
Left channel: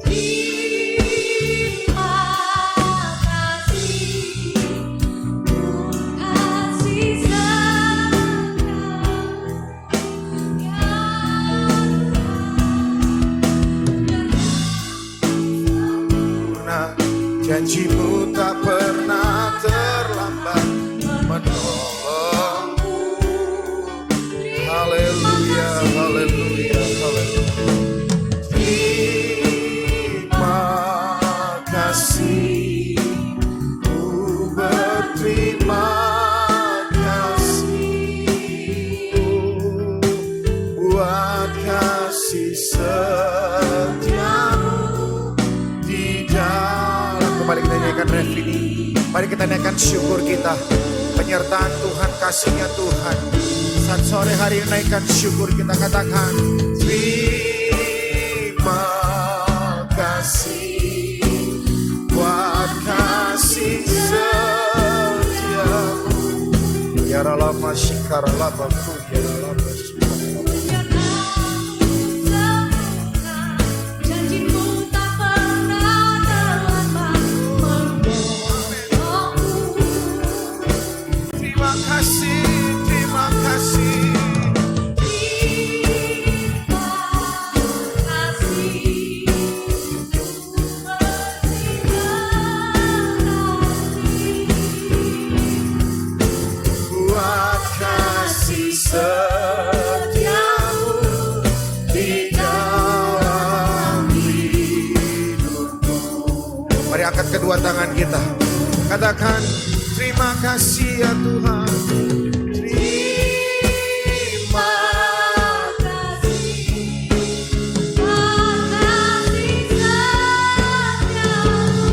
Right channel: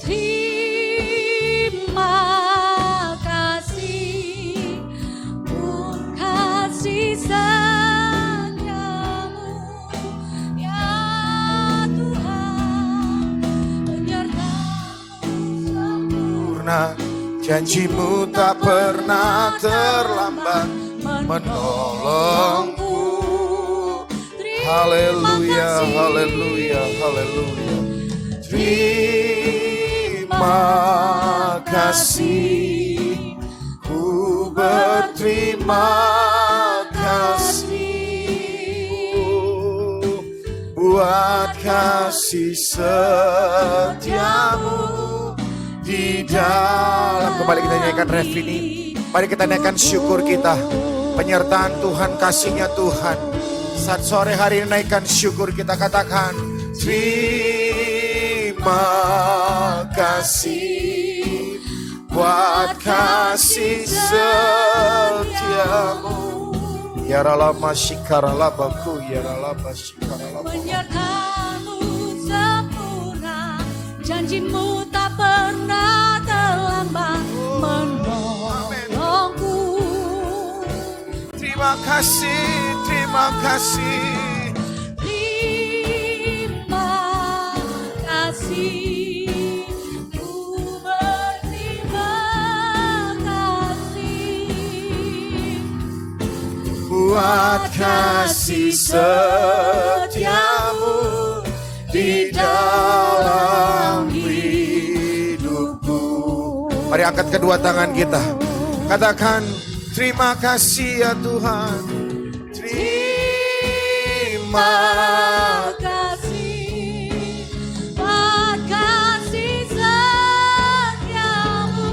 Terima kasih, kasih setia-Mu ya Tuhan. Sempurna, janji-Mu tak pernah terlambat menolongku. Haleluya, haleluya, haleluya. Terima kasih, ku berterima kasih buat kasih setia-Mu di dalam. Kembali kita nyanyikan ref ini. Mari kita naikkan syukur kita. Penyertaan Tuhan, kasihnya Tuhan. Saat sore hari ini naikkan syukur kita, katakan terima kasih buat kasih setia-Mu. Ya lama syikara labaku, ya lama syikara labaku. Penyertaan-Mu sempurna, janji-Mu tak pernah terlambat menolongku. Terima kasih, terima kasih. Terima kasih, ku berterima kasih Buat kasih setia-Mu di dalam hidupku. Mari angkat kedua tangan kita. Katakan terima kasih ya Tuhan. Terima kasih, buat kasih setia-Mu.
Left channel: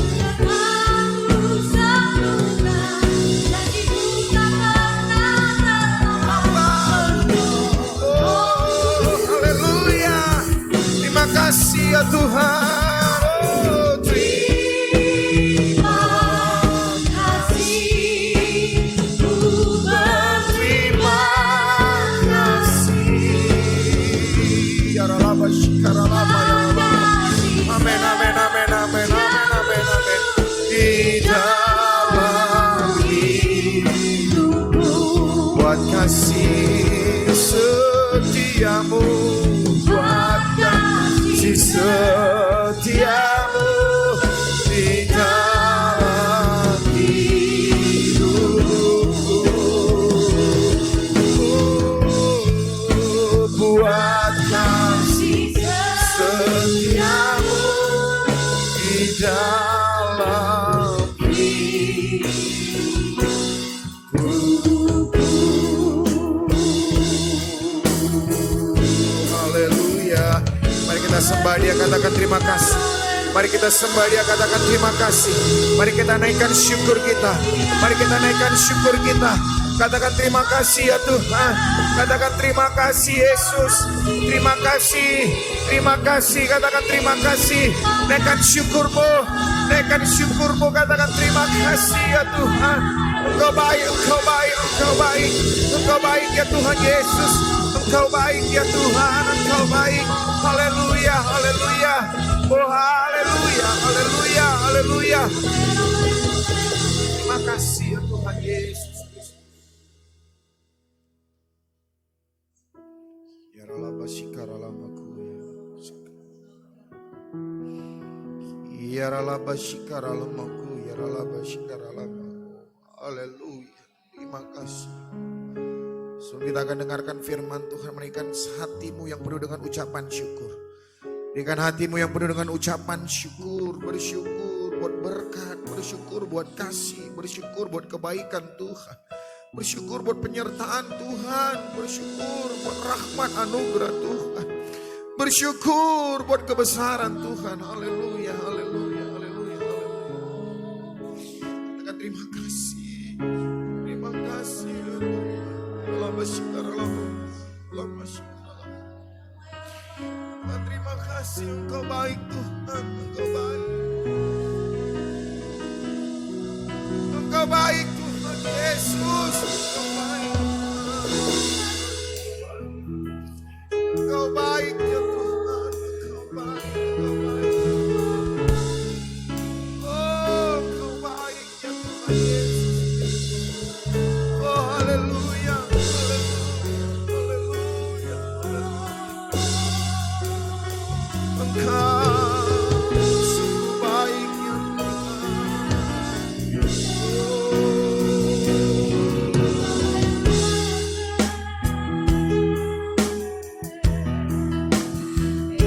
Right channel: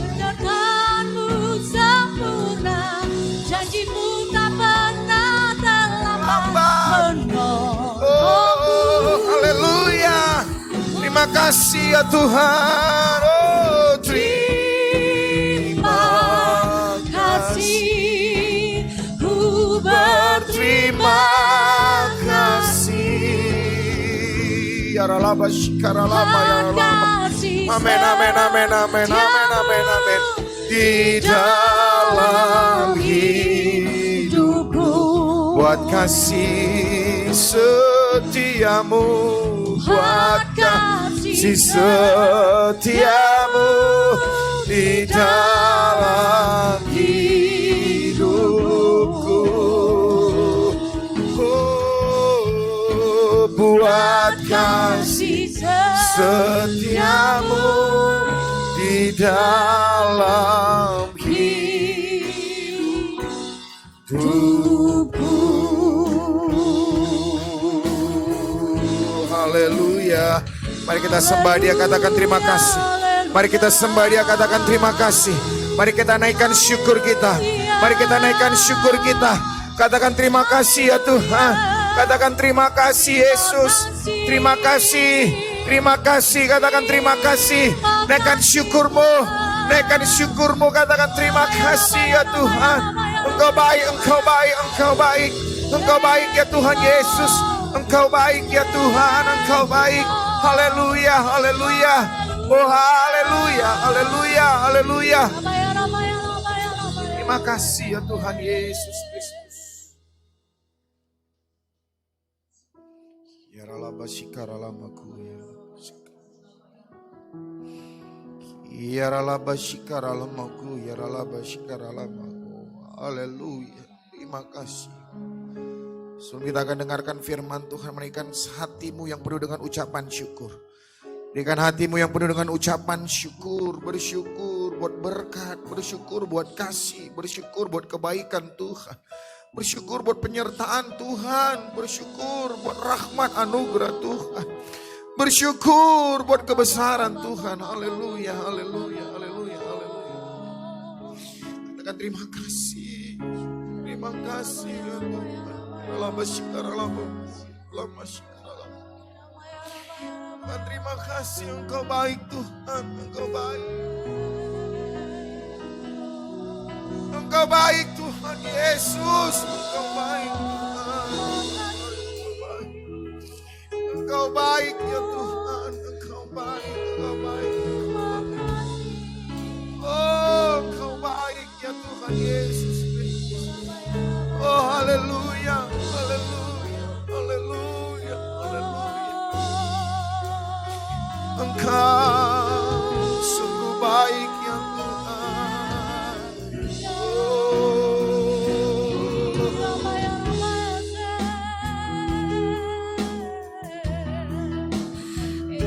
Penyertaan-Mu sempurna, janji-Mu tak pernah terlambat menolongku. Oh, haleluya. Terima kasih ya Tuhan. Oh, Terima kasih, ku berterima kasih. Ya Ralaba Shikara Lama ya Allah. kasih Amin, amin, amin, amin, amin, amin, amin. Di dalam hidupku buat kasih setia-Mu, buat kasih setia-Mu di dalam hidupku. Oh, buat kasih setia-Mu sembah dia, katakan terima kasih. Mari kita sembah dia, katakan terima kasih. Mari kita naikkan syukur kita. Mari kita naikkan syukur kita. Katakan terima kasih ya Tuhan. Katakan terima kasih Yesus. Terima kasih. Terima kasih. Katakan terima kasih. Naikkan syukurmu. Naikkan syukurmu. Katakan terima kasih ya Tuhan. Engkau baik, Engkau baik, Engkau baik. Engkau baik ya Tuhan Yesus. Engkau baik ya Tuhan. Engkau baik. Haleluya, haleluya. Oh haleluya, haleluya, haleluya. Terima kasih ya Tuhan Yesus Kristus. Ya ralaba shikaralamaku ya ralaba shikaralamaku ya ralaba shikaralamaku. Haleluya. Terima kasih. Sebelum kita akan dengarkan firman Tuhan, berikan hatimu yang penuh dengan ucapan syukur. Berikan hatimu yang penuh dengan ucapan syukur. Bersyukur buat berkat, bersyukur buat kasih, bersyukur buat kebaikan Tuhan. Bersyukur buat penyertaan Tuhan, bersyukur buat rahmat anugerah Tuhan. Bersyukur buat kebesaran Tuhan. Haleluya, haleluya, haleluya, haleluya. Katakan terima kasih. Terima kasih ya Tuhan. Lama syukur, lama syukur. Terima kasih, Engkau baik Tuhan, Engkau baik. Engkau baik Tuhan Yesus, Engkau baik. Engkau baik ya Tuhan, Engkau baik, Engkau baik. Oh, Engkau baik ya Tuhan Yesus. Oh, haleluya, haleluya, haleluya, haleluya. Engkau sungguh baik ya Tuhan.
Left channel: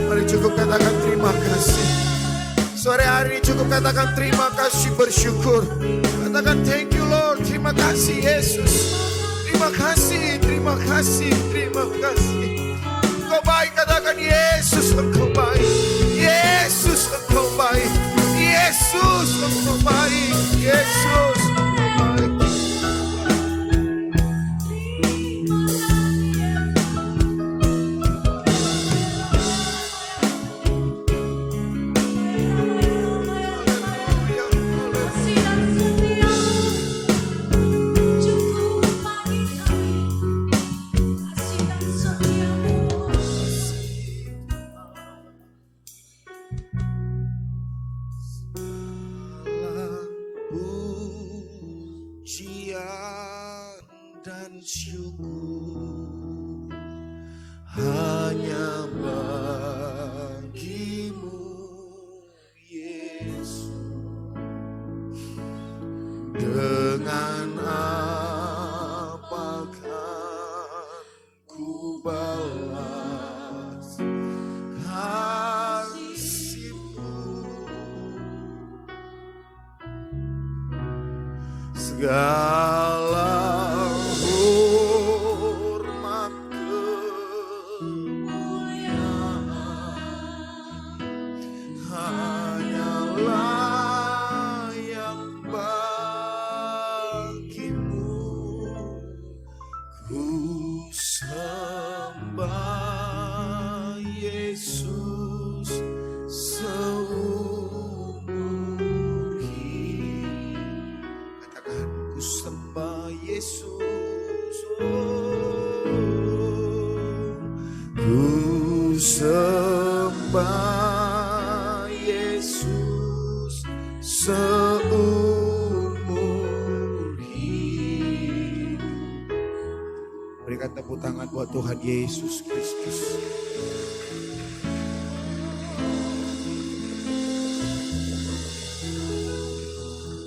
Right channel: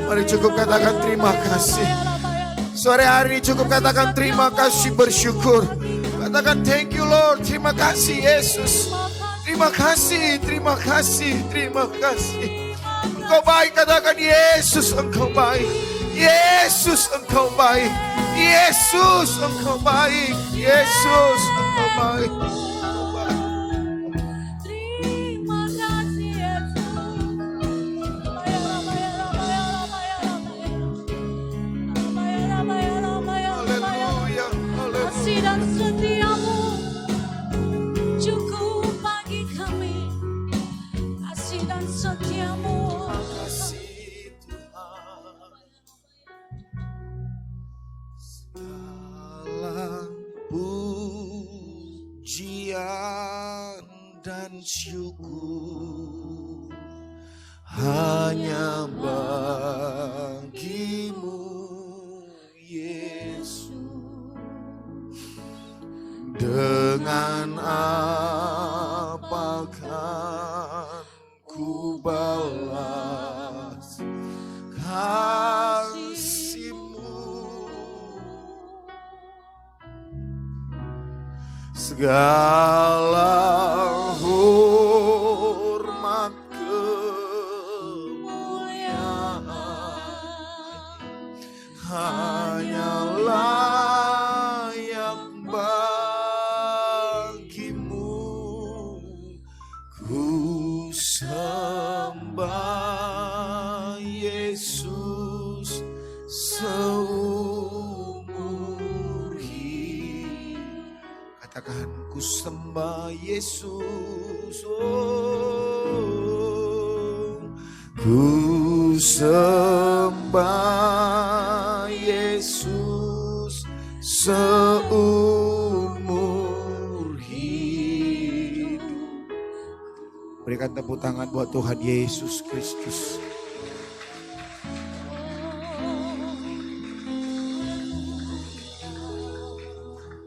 Mari cukup katakan terima kasih. Sore hari cukup katakan terima kasih, bersyukur. Katakan thank you Lord, terima kasih Yesus. Terima kasih, terima kasih, terima kasih. Engkau baik, katakan Yesus Engkau baik. Yesus Engkau baik. Yesus Engkau baik. Yesus Engkau baik. Pujian dan syukur hanya bagimu Yesus. Dengan apa kan ku balas kasih-Mu? Segala hormat kemuliaan hanya layak bagimu. Ku sembah Yesus seumur hidup. Katakan ku sembah Yesus, oh. Ku sembah Yesus seumur hidup. Berikan tepuk tangan buat Tuhan Yesus Kristus.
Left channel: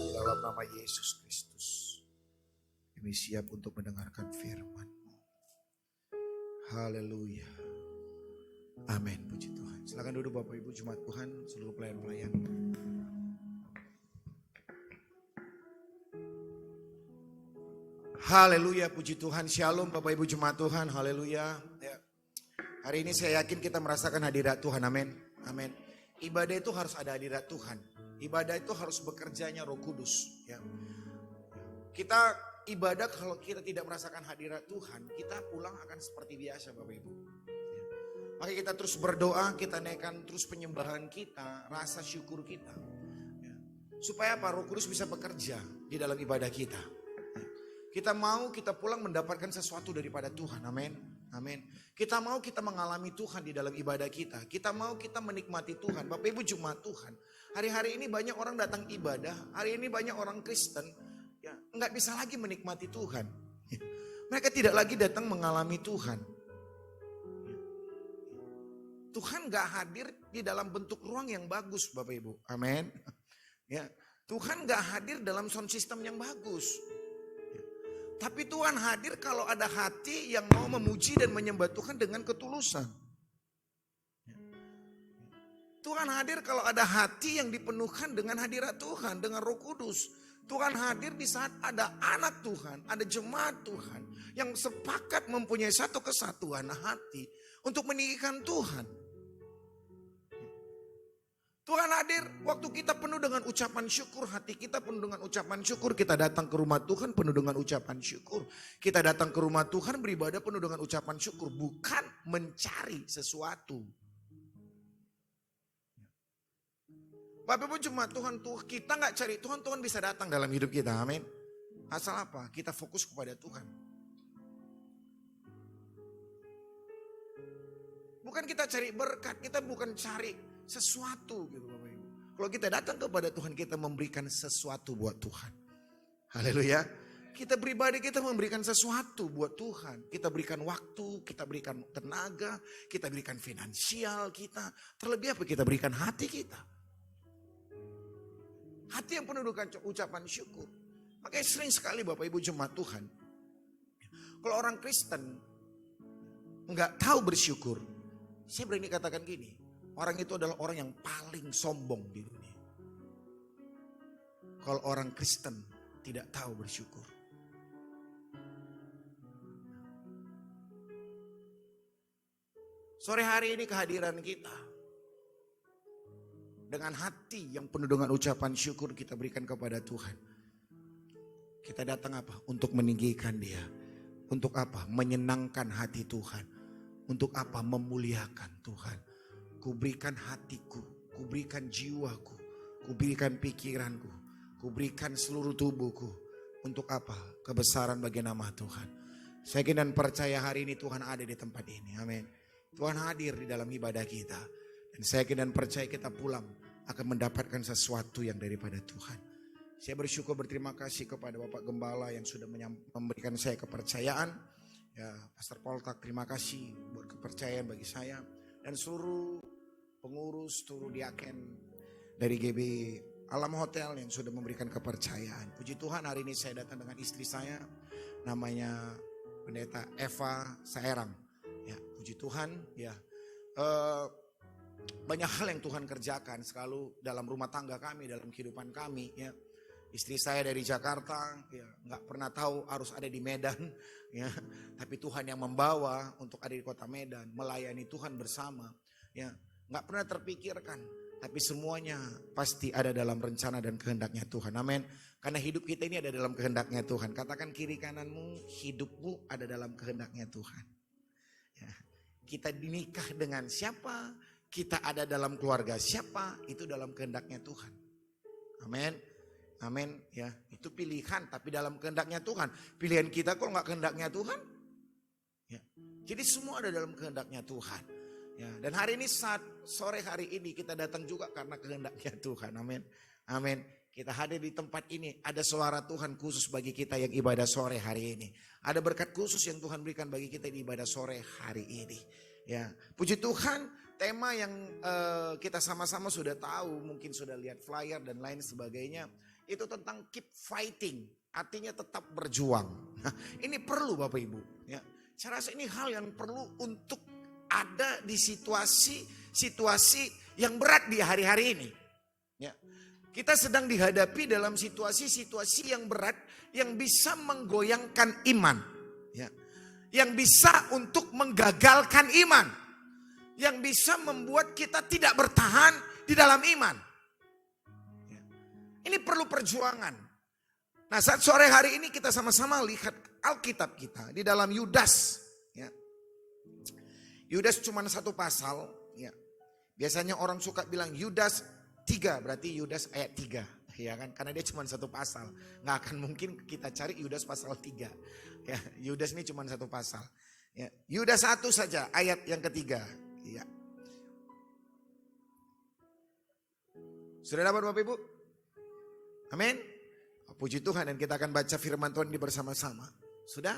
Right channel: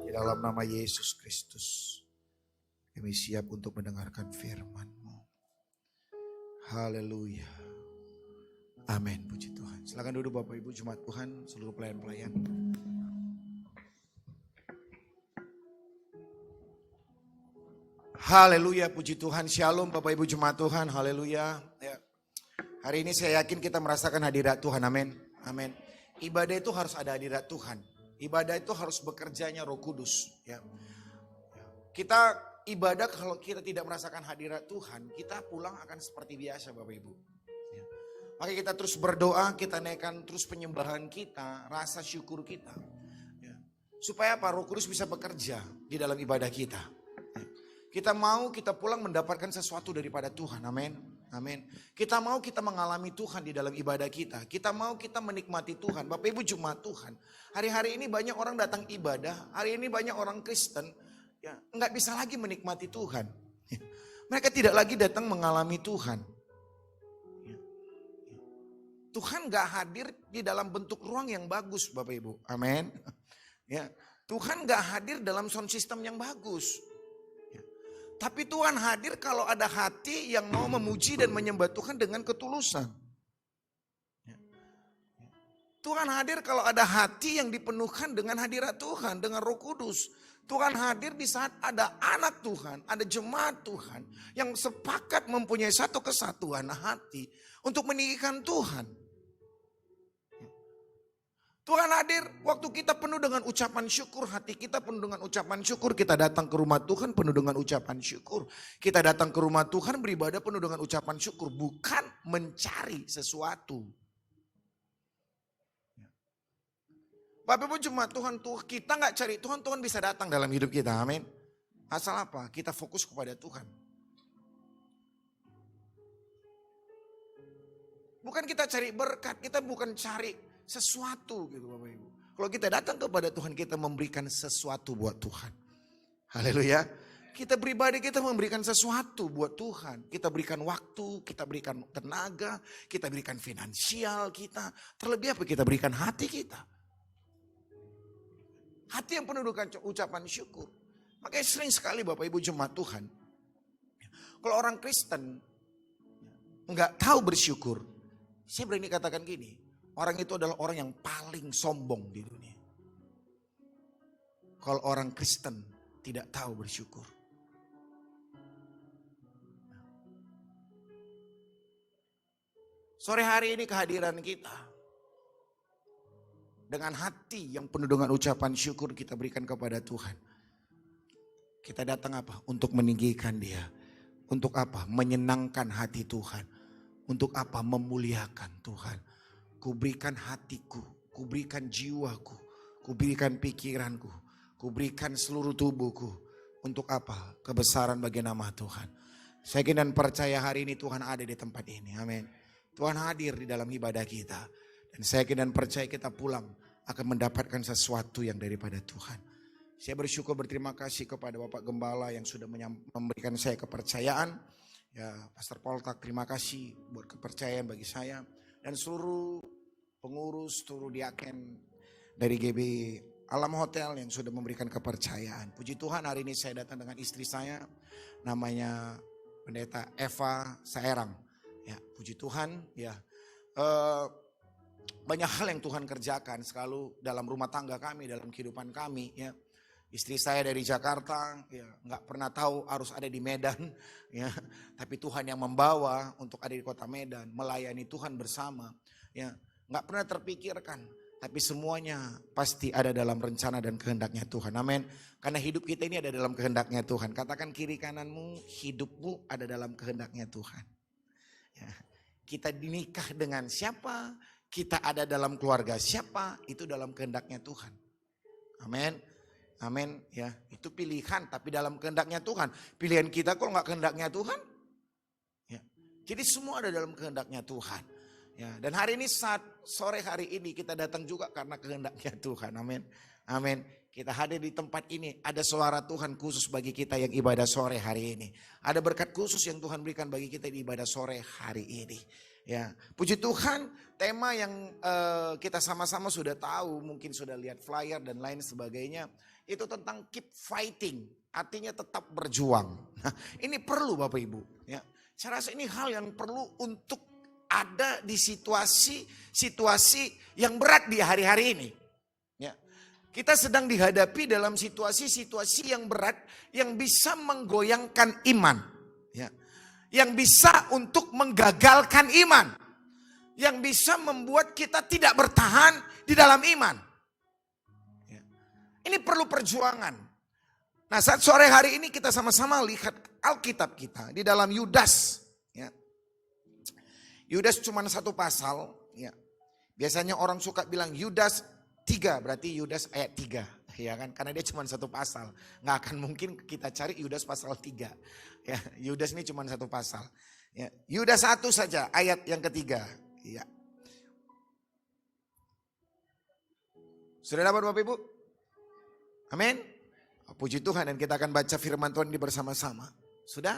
Di dalam nama Yesus Kristus, kami siap untuk mendengarkan firman-Mu. Haleluya. Amin, puji Tuhan. Silakan duduk Bapak Ibu Jemaat Tuhan, seluruh pelayan-pelayan. Haleluya, puji Tuhan. Shalom Bapak Ibu Jemaat Tuhan, haleluya. Ya. Hari ini saya yakin kita merasakan hadirat Tuhan, amin. Amin. Ibadah itu harus ada hadirat Tuhan. Ibadah itu harus bekerjanya Roh Kudus. Ya. Kita ibadah kalau kita tidak merasakan hadirat Tuhan, kita pulang akan seperti biasa Bapak Ibu. Ya. Maka kita terus berdoa, kita naikkan terus penyembahan kita, rasa syukur kita. Ya. Supaya apa? Roh Kudus bisa bekerja di dalam ibadah kita. Ya. Kita mau kita pulang mendapatkan sesuatu daripada Tuhan. Amin. Amin. Kita mau kita mengalami Tuhan di dalam ibadah kita. Kita mau kita menikmati Tuhan. Bapak Ibu jemaat Tuhan. Hari-hari ini banyak orang datang ibadah. Hari ini banyak orang Kristen. Ya, nggak bisa lagi menikmati Tuhan. Ya. Mereka tidak lagi datang mengalami Tuhan. Ya. Tuhan nggak hadir di dalam bentuk ruang yang bagus Bapak Ibu. Amin. Ya. Tuhan nggak hadir dalam sound system yang bagus. Tapi Tuhan hadir kalau ada hati yang mau memuji dan menyembah Tuhan dengan ketulusan. Tuhan hadir kalau ada hati yang dipenuhkan dengan hadirat Tuhan, dengan Roh Kudus. Tuhan hadir di saat ada anak Tuhan, ada jemaat Tuhan yang sepakat mempunyai satu kesatuan hati untuk meninggikan Tuhan. Tuhan hadir waktu kita penuh dengan ucapan syukur, hati kita penuh dengan ucapan syukur. Kita datang ke rumah Tuhan penuh dengan ucapan syukur. Kita datang ke rumah Tuhan beribadah penuh dengan ucapan syukur. Bukan mencari sesuatu. Bapak Ibu cuma Tuhan, kita gak cari Tuhan, Tuhan bisa datang dalam hidup kita. Amin. Asal apa? Kita fokus kepada Tuhan. Bukan kita cari berkat, kita bukan cari sesuatu gitu Bapak Ibu. Kalau kita datang kepada Tuhan, kita memberikan sesuatu buat Tuhan. Haleluya. Kita pribadi kita memberikan sesuatu buat Tuhan. Kita berikan waktu, kita berikan tenaga, kita berikan finansial kita. Terlebih apa? Kita berikan hati kita. Hati yang penuh dengan ucapan syukur. Makanya sering sekali Bapak Ibu jemaat Tuhan. Kalau orang Kristen nggak tahu bersyukur, saya berani katakan gini. Orang itu adalah orang yang paling sombong di dunia. Kalau orang Kristen tidak tahu bersyukur. Sore hari ini kehadiran kita. Dengan hati yang penuh dengan ucapan syukur kita berikan kepada Tuhan. Kita datang apa? Untuk meninggikan Dia. Untuk apa? Menyenangkan hati Tuhan. Untuk apa? Memuliakan Tuhan. Kuberikan hatiku, kuberikan jiwaku, kuberikan pikiranku, kuberikan seluruh tubuhku. Untuk apa? Kebesaran bagi nama Tuhan. Saya yakin dan percaya hari ini Tuhan ada di tempat ini. Amin. Tuhan hadir di dalam ibadah kita. Dan saya yakin dan percaya kita pulang akan mendapatkan sesuatu yang daripada Tuhan. Saya bersyukur berterima kasih kepada Bapak Gembala yang sudah memberikan saya kepercayaan. Ya, Pastor Poltak terima kasih buat kepercayaan bagi saya. Dan seluruh pengurus, seluruh diaken dari GB Alam Hotel yang sudah memberikan kepercayaan. Puji Tuhan hari ini saya datang dengan istri saya. Namanya Pendeta Eva Saerang. Ya, puji Tuhan. Ya, banyak hal yang Tuhan kerjakan selalu dalam rumah tangga kami, dalam kehidupan kami. Ya, istri saya dari Jakarta, ya, nggak pernah tahu harus ada di Medan. Ya, tapi Tuhan yang membawa untuk ada di kota Medan, melayani Tuhan bersama. Ya, nggak pernah terpikirkan, tapi semuanya pasti ada dalam rencana dan kehendaknya Tuhan. Amin. Karena hidup kita ini ada dalam kehendaknya Tuhan. Katakan kiri kananmu, hidupmu ada dalam kehendaknya Tuhan. Ya, kita dinikah dengan siapa, kita ada dalam keluarga siapa, itu dalam kehendaknya Tuhan. Amin. Amin. Ya, itu pilihan tapi dalam kehendaknya Tuhan. Pilihan kita kok nggak kehendaknya Tuhan? Ya. Jadi semua ada dalam kehendaknya Tuhan. Ya, dan hari ini saat sore hari ini kita datang juga karena kehendaknya Tuhan. Amin. Amin. Kita hadir di tempat ini. Ada suara Tuhan khusus bagi kita yang ibadah sore hari ini. Ada berkat khusus yang Tuhan berikan bagi kita di ibadah sore hari ini. Ya, puji Tuhan. Tema yang kita sama-sama sudah tahu, mungkin sudah lihat flyer dan lain sebagainya. Itu tentang keep fighting. Artinya tetap berjuang. Nah, ini perlu Bapak Ibu. Ya, saya rasa ini hal yang perlu untuk ada di situasi yang berat di hari-hari ini. Ya. Kita sedang dihadapi dalam situasi-situasi yang berat yang bisa menggoyangkan iman. Ya. Yang bisa untuk menggagalkan iman. yang bisa membuat kita tidak bertahan di dalam iman. Ya. Ini perlu perjuangan. Nah, saat sore hari ini kita sama-sama lihat Alkitab kita di dalam Yudas. Ya. Yudas cuma satu pasal. Ya. Biasanya orang suka bilang Yudas 3, berarti Yudas ayat 3. Ya kan? Karena dia cuma satu pasal. Nggak akan mungkin kita cari Yudas pasal 3. Ya, Yudas ini cuma satu pasal. Ya. Yudas 1 saja ayat yang ketiga. Ya. Sudah dapat Bapak Ibu? Amin. Puji Tuhan, dan kita akan baca firman Tuhan ini bersama-sama. Sudah?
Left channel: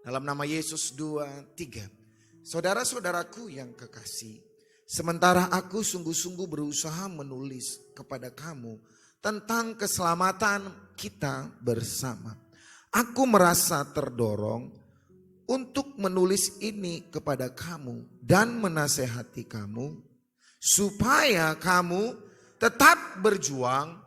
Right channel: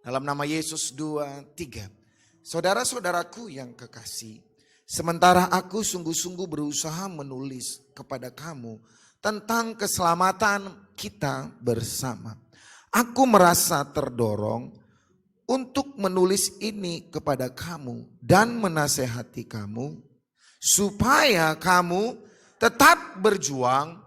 Dalam nama Yesus 2, 3. Saudara-saudaraku yang kekasih, sementara aku sungguh-sungguh berusaha menulis kepada kamu tentang keselamatan kita bersama, aku merasa terdorong untuk menulis ini kepada kamu dan menasehati kamu supaya kamu tetap berjuang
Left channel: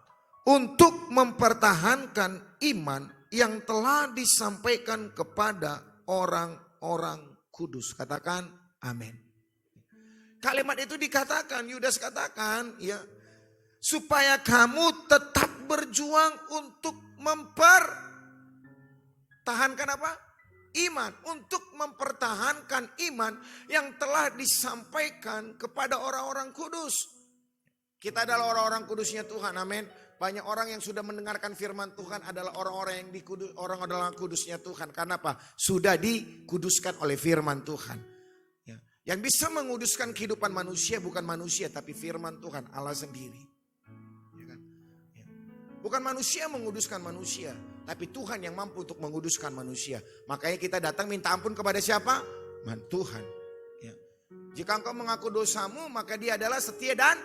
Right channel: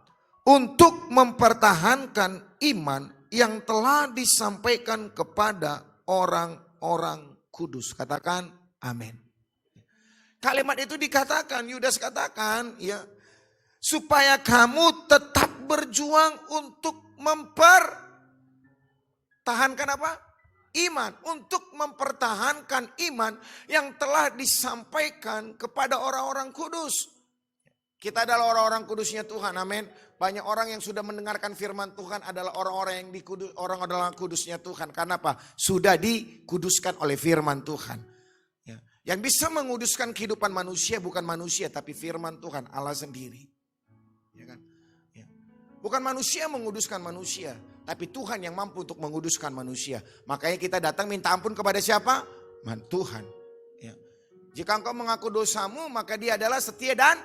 untuk mempertahankan iman yang telah disampaikan kepada orang-orang kudus. Katakan amin. Kalimat itu dikatakan, Yudas katakan ya, supaya kamu tetap berjuang untuk mempertahankan apa? Iman. Untuk mempertahankan iman yang telah disampaikan kepada orang-orang kudus. Kita adalah orang-orang kudusnya Tuhan, amin. Banyak orang yang sudah mendengarkan firman Tuhan adalah orang-orang yang orang kudusnya Tuhan. Karena apa? Sudah dikuduskan oleh firman Tuhan. Ya. Yang bisa menguduskan kehidupan manusia bukan manusia, tapi firman Tuhan, Allah sendiri. Ya kan? Ya. Bukan manusia menguduskan manusia, tapi Tuhan yang mampu untuk menguduskan manusia. Makanya kita datang minta ampun kepada siapa? Tuhan. Ya. Jika engkau mengaku dosamu, maka dia adalah setia dan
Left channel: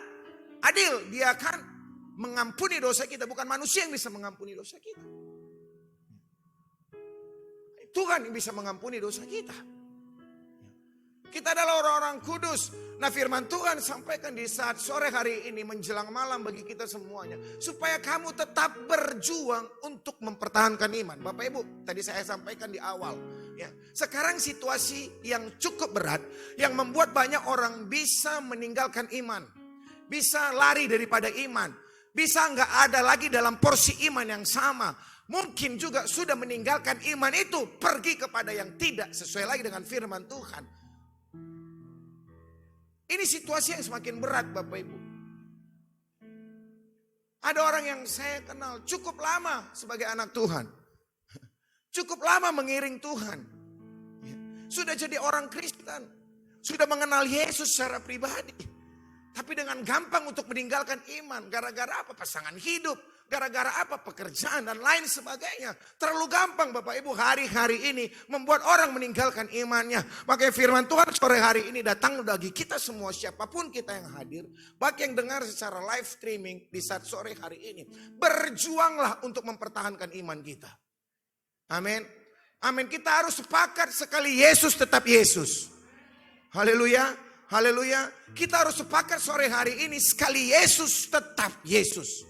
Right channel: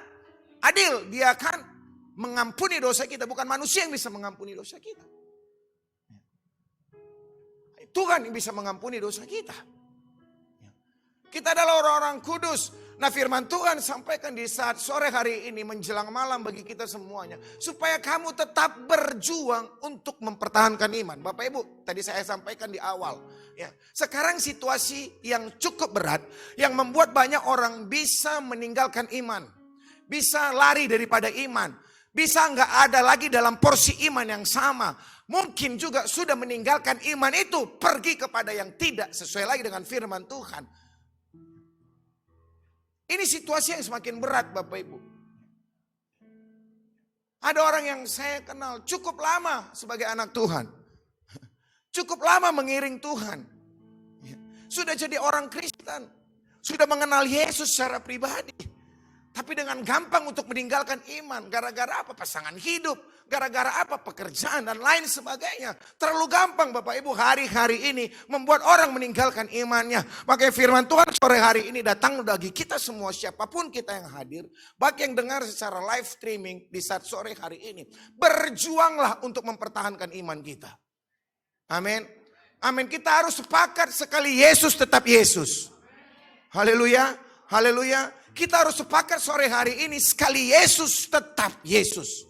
adil. Dia akan mengampuni dosa kita. Bukan manusia yang bisa mengampuni dosa kita. Tuhan yang bisa mengampuni dosa kita. Kita adalah orang-orang kudus. Nah, firman Tuhan sampaikan di saat sore hari ini menjelang malam bagi kita semuanya. Supaya kamu tetap berjuang untuk mempertahankan iman. Bapak Ibu, tadi saya sampaikan di awal. Ya, sekarang situasi yang cukup berat. Yang membuat banyak orang bisa meninggalkan iman. Bisa lari daripada iman. Bisa nggak ada lagi dalam porsi iman yang sama. Mungkin juga sudah meninggalkan iman itu. Pergi kepada yang tidak sesuai lagi dengan firman Tuhan. Ini situasi yang semakin berat Bapak Ibu. Ada orang yang saya kenal cukup lama sebagai anak Tuhan. Cukup lama mengiring Tuhan. Sudah jadi orang Kristen. Sudah mengenal Yesus secara pribadi. Tapi dengan gampang untuk meninggalkan iman. Gara-gara apa? Pasangan hidup. Gara-gara apa? Pekerjaan dan lain sebagainya. Terlalu gampang Bapak Ibu hari-hari ini membuat orang meninggalkan imannya. Makanya firman Tuhan sore hari ini datang bagi kita semua, siapapun kita yang hadir. Bagi yang dengar secara live streaming di saat sore hari ini. Berjuanglah untuk mempertahankan iman kita. Amin. Amin. Kita harus sepakat sekali Yesus tetap Yesus. Haleluya. Haleluya. Kita harus sepakat sore hari ini sekali Yesus tetap Yesus.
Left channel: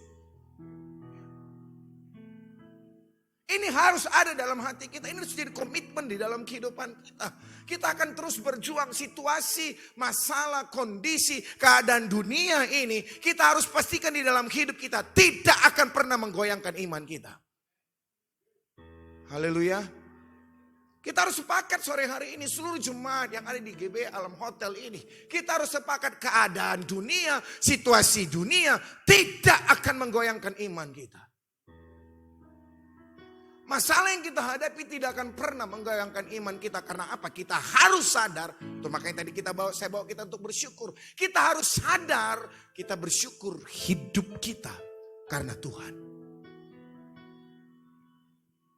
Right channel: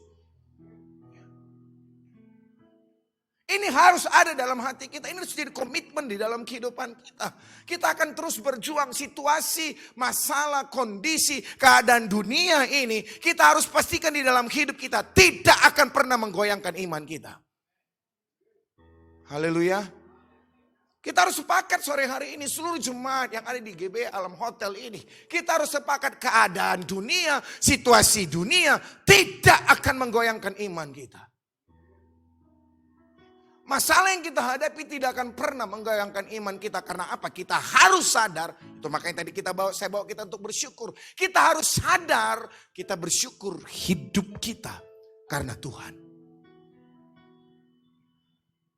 Ini harus ada dalam hati kita. Ini harus jadi komitmen di dalam kehidupan kita. Kita akan terus berjuang situasi, masalah, kondisi, keadaan dunia ini. Kita harus pastikan di dalam hidup kita tidak akan pernah menggoyangkan iman kita. Haleluya. Kita harus sepakat sore hari ini seluruh jemaat yang ada di GB Alam Hotel ini. Kita harus sepakat keadaan dunia, situasi dunia tidak akan menggoyangkan iman kita. Masalah yang kita hadapi tidak akan pernah menggoyangkan iman kita. Karena apa? Kita harus sadar. Itu makanya tadi saya bawa kita untuk bersyukur. Kita harus sadar, kita bersyukur hidup kita karena Tuhan.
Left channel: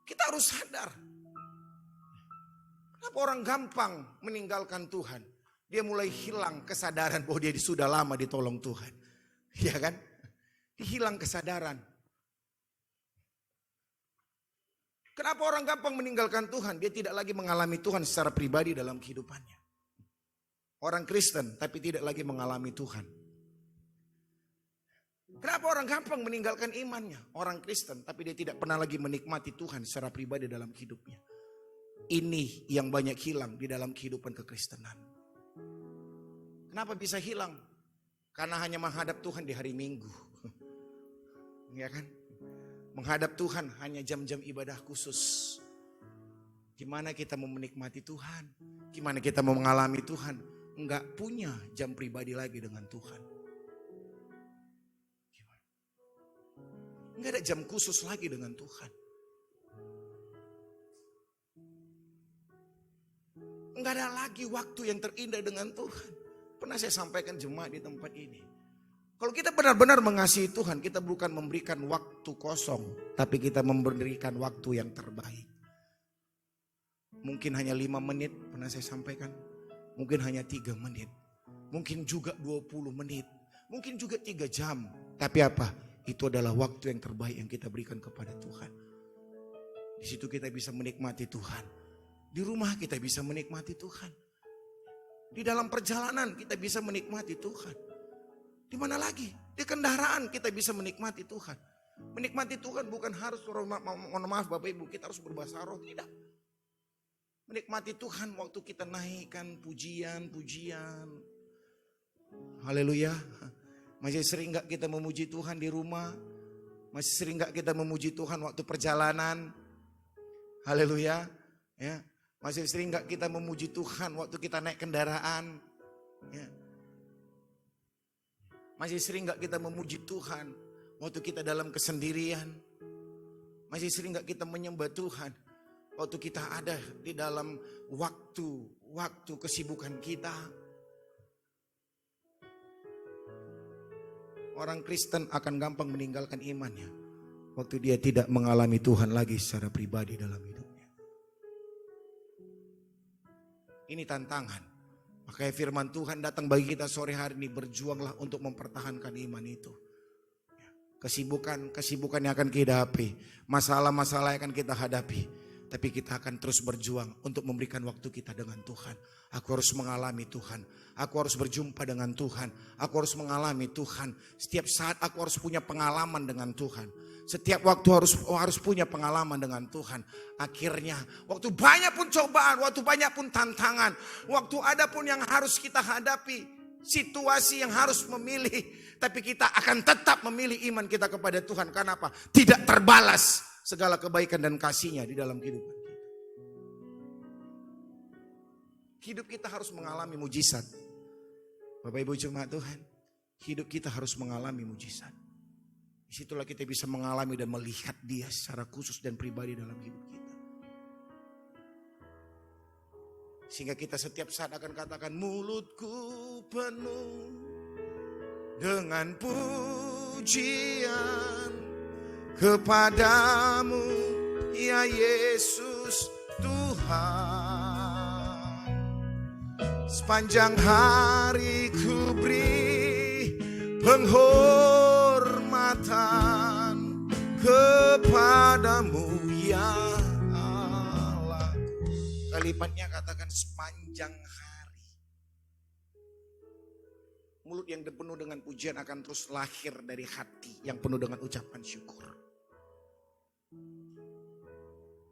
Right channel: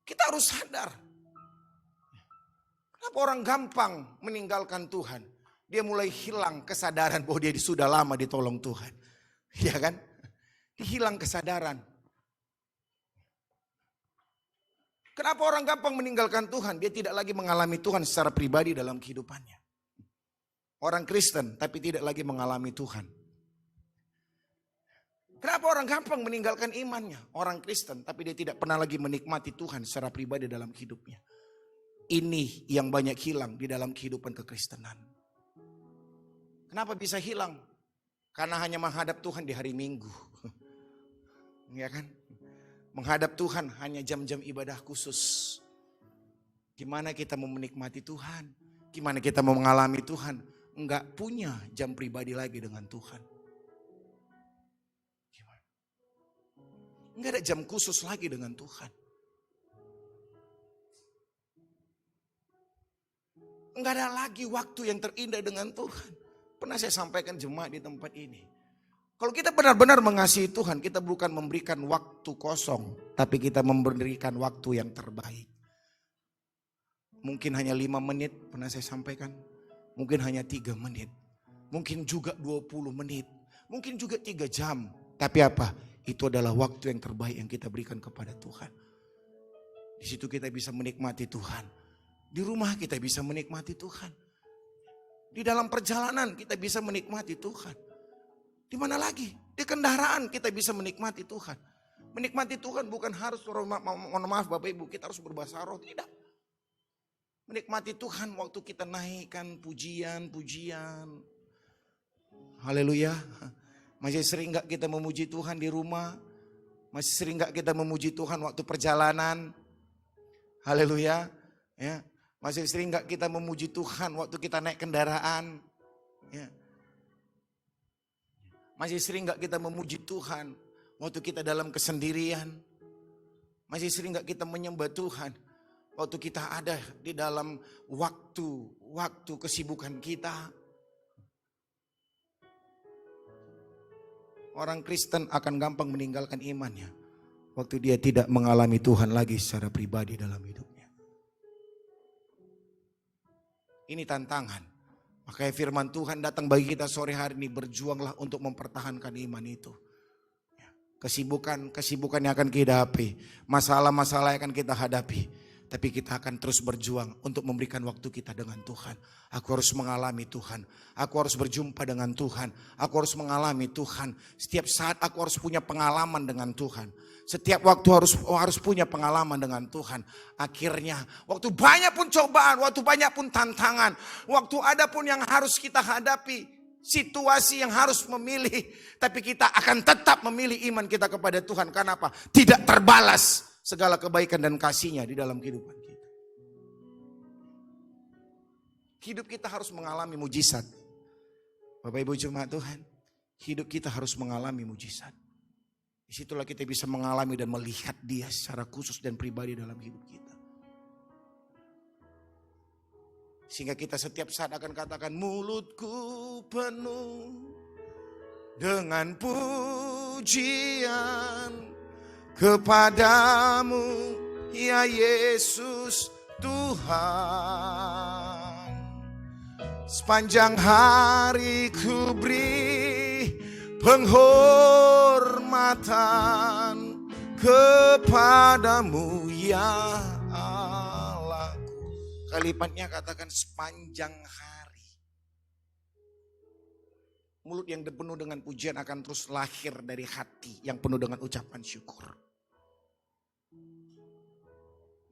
Kita harus sadar. Kenapa orang gampang meninggalkan Tuhan? Dia mulai hilang kesadaran bahwa dia sudah lama ditolong Tuhan. Ya kan? Hilang kesadaran. Kenapa orang gampang meninggalkan Tuhan? Dia tidak lagi mengalami Tuhan secara pribadi dalam kehidupannya. Orang Kristen tapi tidak lagi mengalami Tuhan. Kenapa orang gampang meninggalkan imannya? Orang Kristen tapi dia tidak pernah lagi menikmati Tuhan secara pribadi dalam hidupnya. Ini yang banyak hilang di dalam kehidupan kekristenan. Kenapa bisa hilang? Karena hanya menghadap Tuhan di hari Minggu. Ya kan? Menghadap Tuhan hanya jam-jam ibadah khusus. Gimana kita mau menikmati Tuhan? Gimana kita mau mengalami Tuhan? Enggak punya jam pribadi lagi dengan Tuhan. Gimana? Enggak ada jam khusus lagi dengan Tuhan. Enggak ada lagi waktu yang terindah dengan Tuhan. Pernah saya sampaikan jemaat di tempat ini. Kalau kita benar-benar mengasihi Tuhan, kita bukan memberikan waktu kosong, tapi kita memberikan waktu yang terbaik. Mungkin hanya 5 menit, pernah saya sampaikan. Mungkin hanya 3 menit. Mungkin juga 20 menit. Mungkin juga 3 jam. Tapi apa? Itu adalah waktu yang terbaik yang kita berikan kepada Tuhan. Di situ kita bisa menikmati Tuhan. Di rumah kita bisa menikmati Tuhan. Di dalam perjalanan kita bisa menikmati Tuhan. Di mana lagi? Di kendaraan kita bisa menikmati Tuhan. Menikmati Tuhan bukan harus, mohon maaf Bapak Ibu, kita harus berbahasa roh, tidak. Menikmati Tuhan waktu kita naikkan pujian. Haleluya. Masih sering gak kita memuji Tuhan di rumah? Masih sering gak kita memuji Tuhan waktu perjalanan? Haleluya. Ya. Masih sering gak kita memuji Tuhan waktu kita naik kendaraan? Ya. Masih sering gak kita memuji Tuhan waktu kita dalam kesendirian? Masih sering gak kita menyembah Tuhan waktu kita ada di dalam waktu kesibukan kita? Orang Kristen akan gampang meninggalkan imannya waktu dia tidak mengalami Tuhan lagi secara pribadi dalam hidupnya. Ini tantangan. Makanya firman Tuhan datang bagi kita sore hari ini, berjuanglah untuk mempertahankan iman itu. Kesibukan yang akan kita hadapi, masalah-masalah yang akan kita hadapi. Tapi kita akan terus berjuang untuk memberikan waktu kita dengan Tuhan. Aku harus mengalami Tuhan. Aku harus berjumpa dengan Tuhan. Aku harus mengalami Tuhan. Setiap saat aku harus punya pengalaman dengan Tuhan. Setiap waktu harus punya pengalaman dengan Tuhan. Akhirnya waktu banyak pun cobaan, waktu banyak pun tantangan, waktu ada pun yang harus kita hadapi, situasi yang harus memilih, tapi kita akan tetap memilih iman kita kepada Tuhan. Karena apa? Tidak terbalas segala kebaikan dan kasih-Nya di dalam kehidupan kita. Hidup kita harus mengalami mujizat. Bapak Ibu jemaat Tuhan, hidup kita harus mengalami mujizat. Disitulah kita bisa mengalami dan melihat Dia secara khusus dan pribadi dalam hidup kita. Sehingga kita setiap saat akan katakan, mulutku penuh dengan pujian kepadamu ya Yesus Tuhan. Sepanjang hari ku beri penghormatan kepadamu ya Allahku. Kalimatnya katakan sepanjang hari. Mulut yang penuh dengan pujian akan terus lahir dari hati yang penuh dengan ucapan syukur.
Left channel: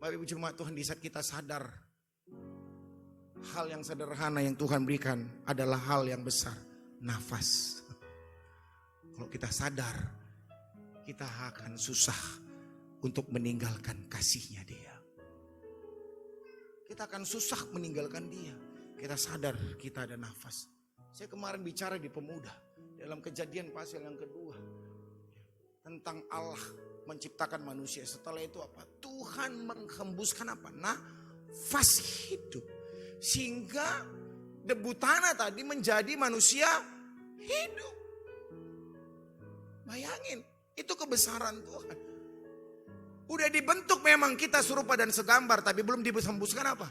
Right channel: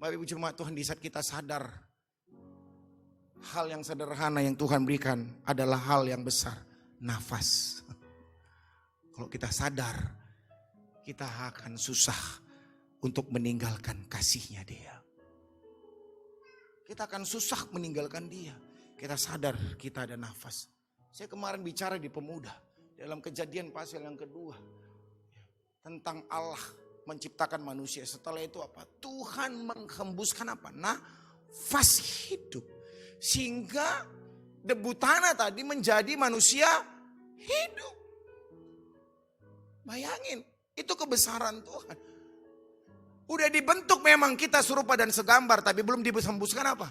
Bapak Ibu jemaat Tuhan, di saat kita sadar hal yang sederhana yang Tuhan berikan adalah hal yang besar, nafas. Kalau kita sadar, kita akan susah untuk meninggalkan kasih-Nya Dia. Kita akan susah meninggalkan Dia. Kita sadar kita ada nafas. Saya kemarin bicara di pemuda dalam Kejadian pasal yang kedua tentang Allah menciptakan manusia. Setelah itu apa? Tuhan menghembuskan apa? Nafas hidup. Sehingga debu tanah tadi menjadi manusia hidup. Bayangin, itu kebesaran Tuhan. Udah dibentuk memang kita serupa dan segambar, tapi belum dihembuskan apa?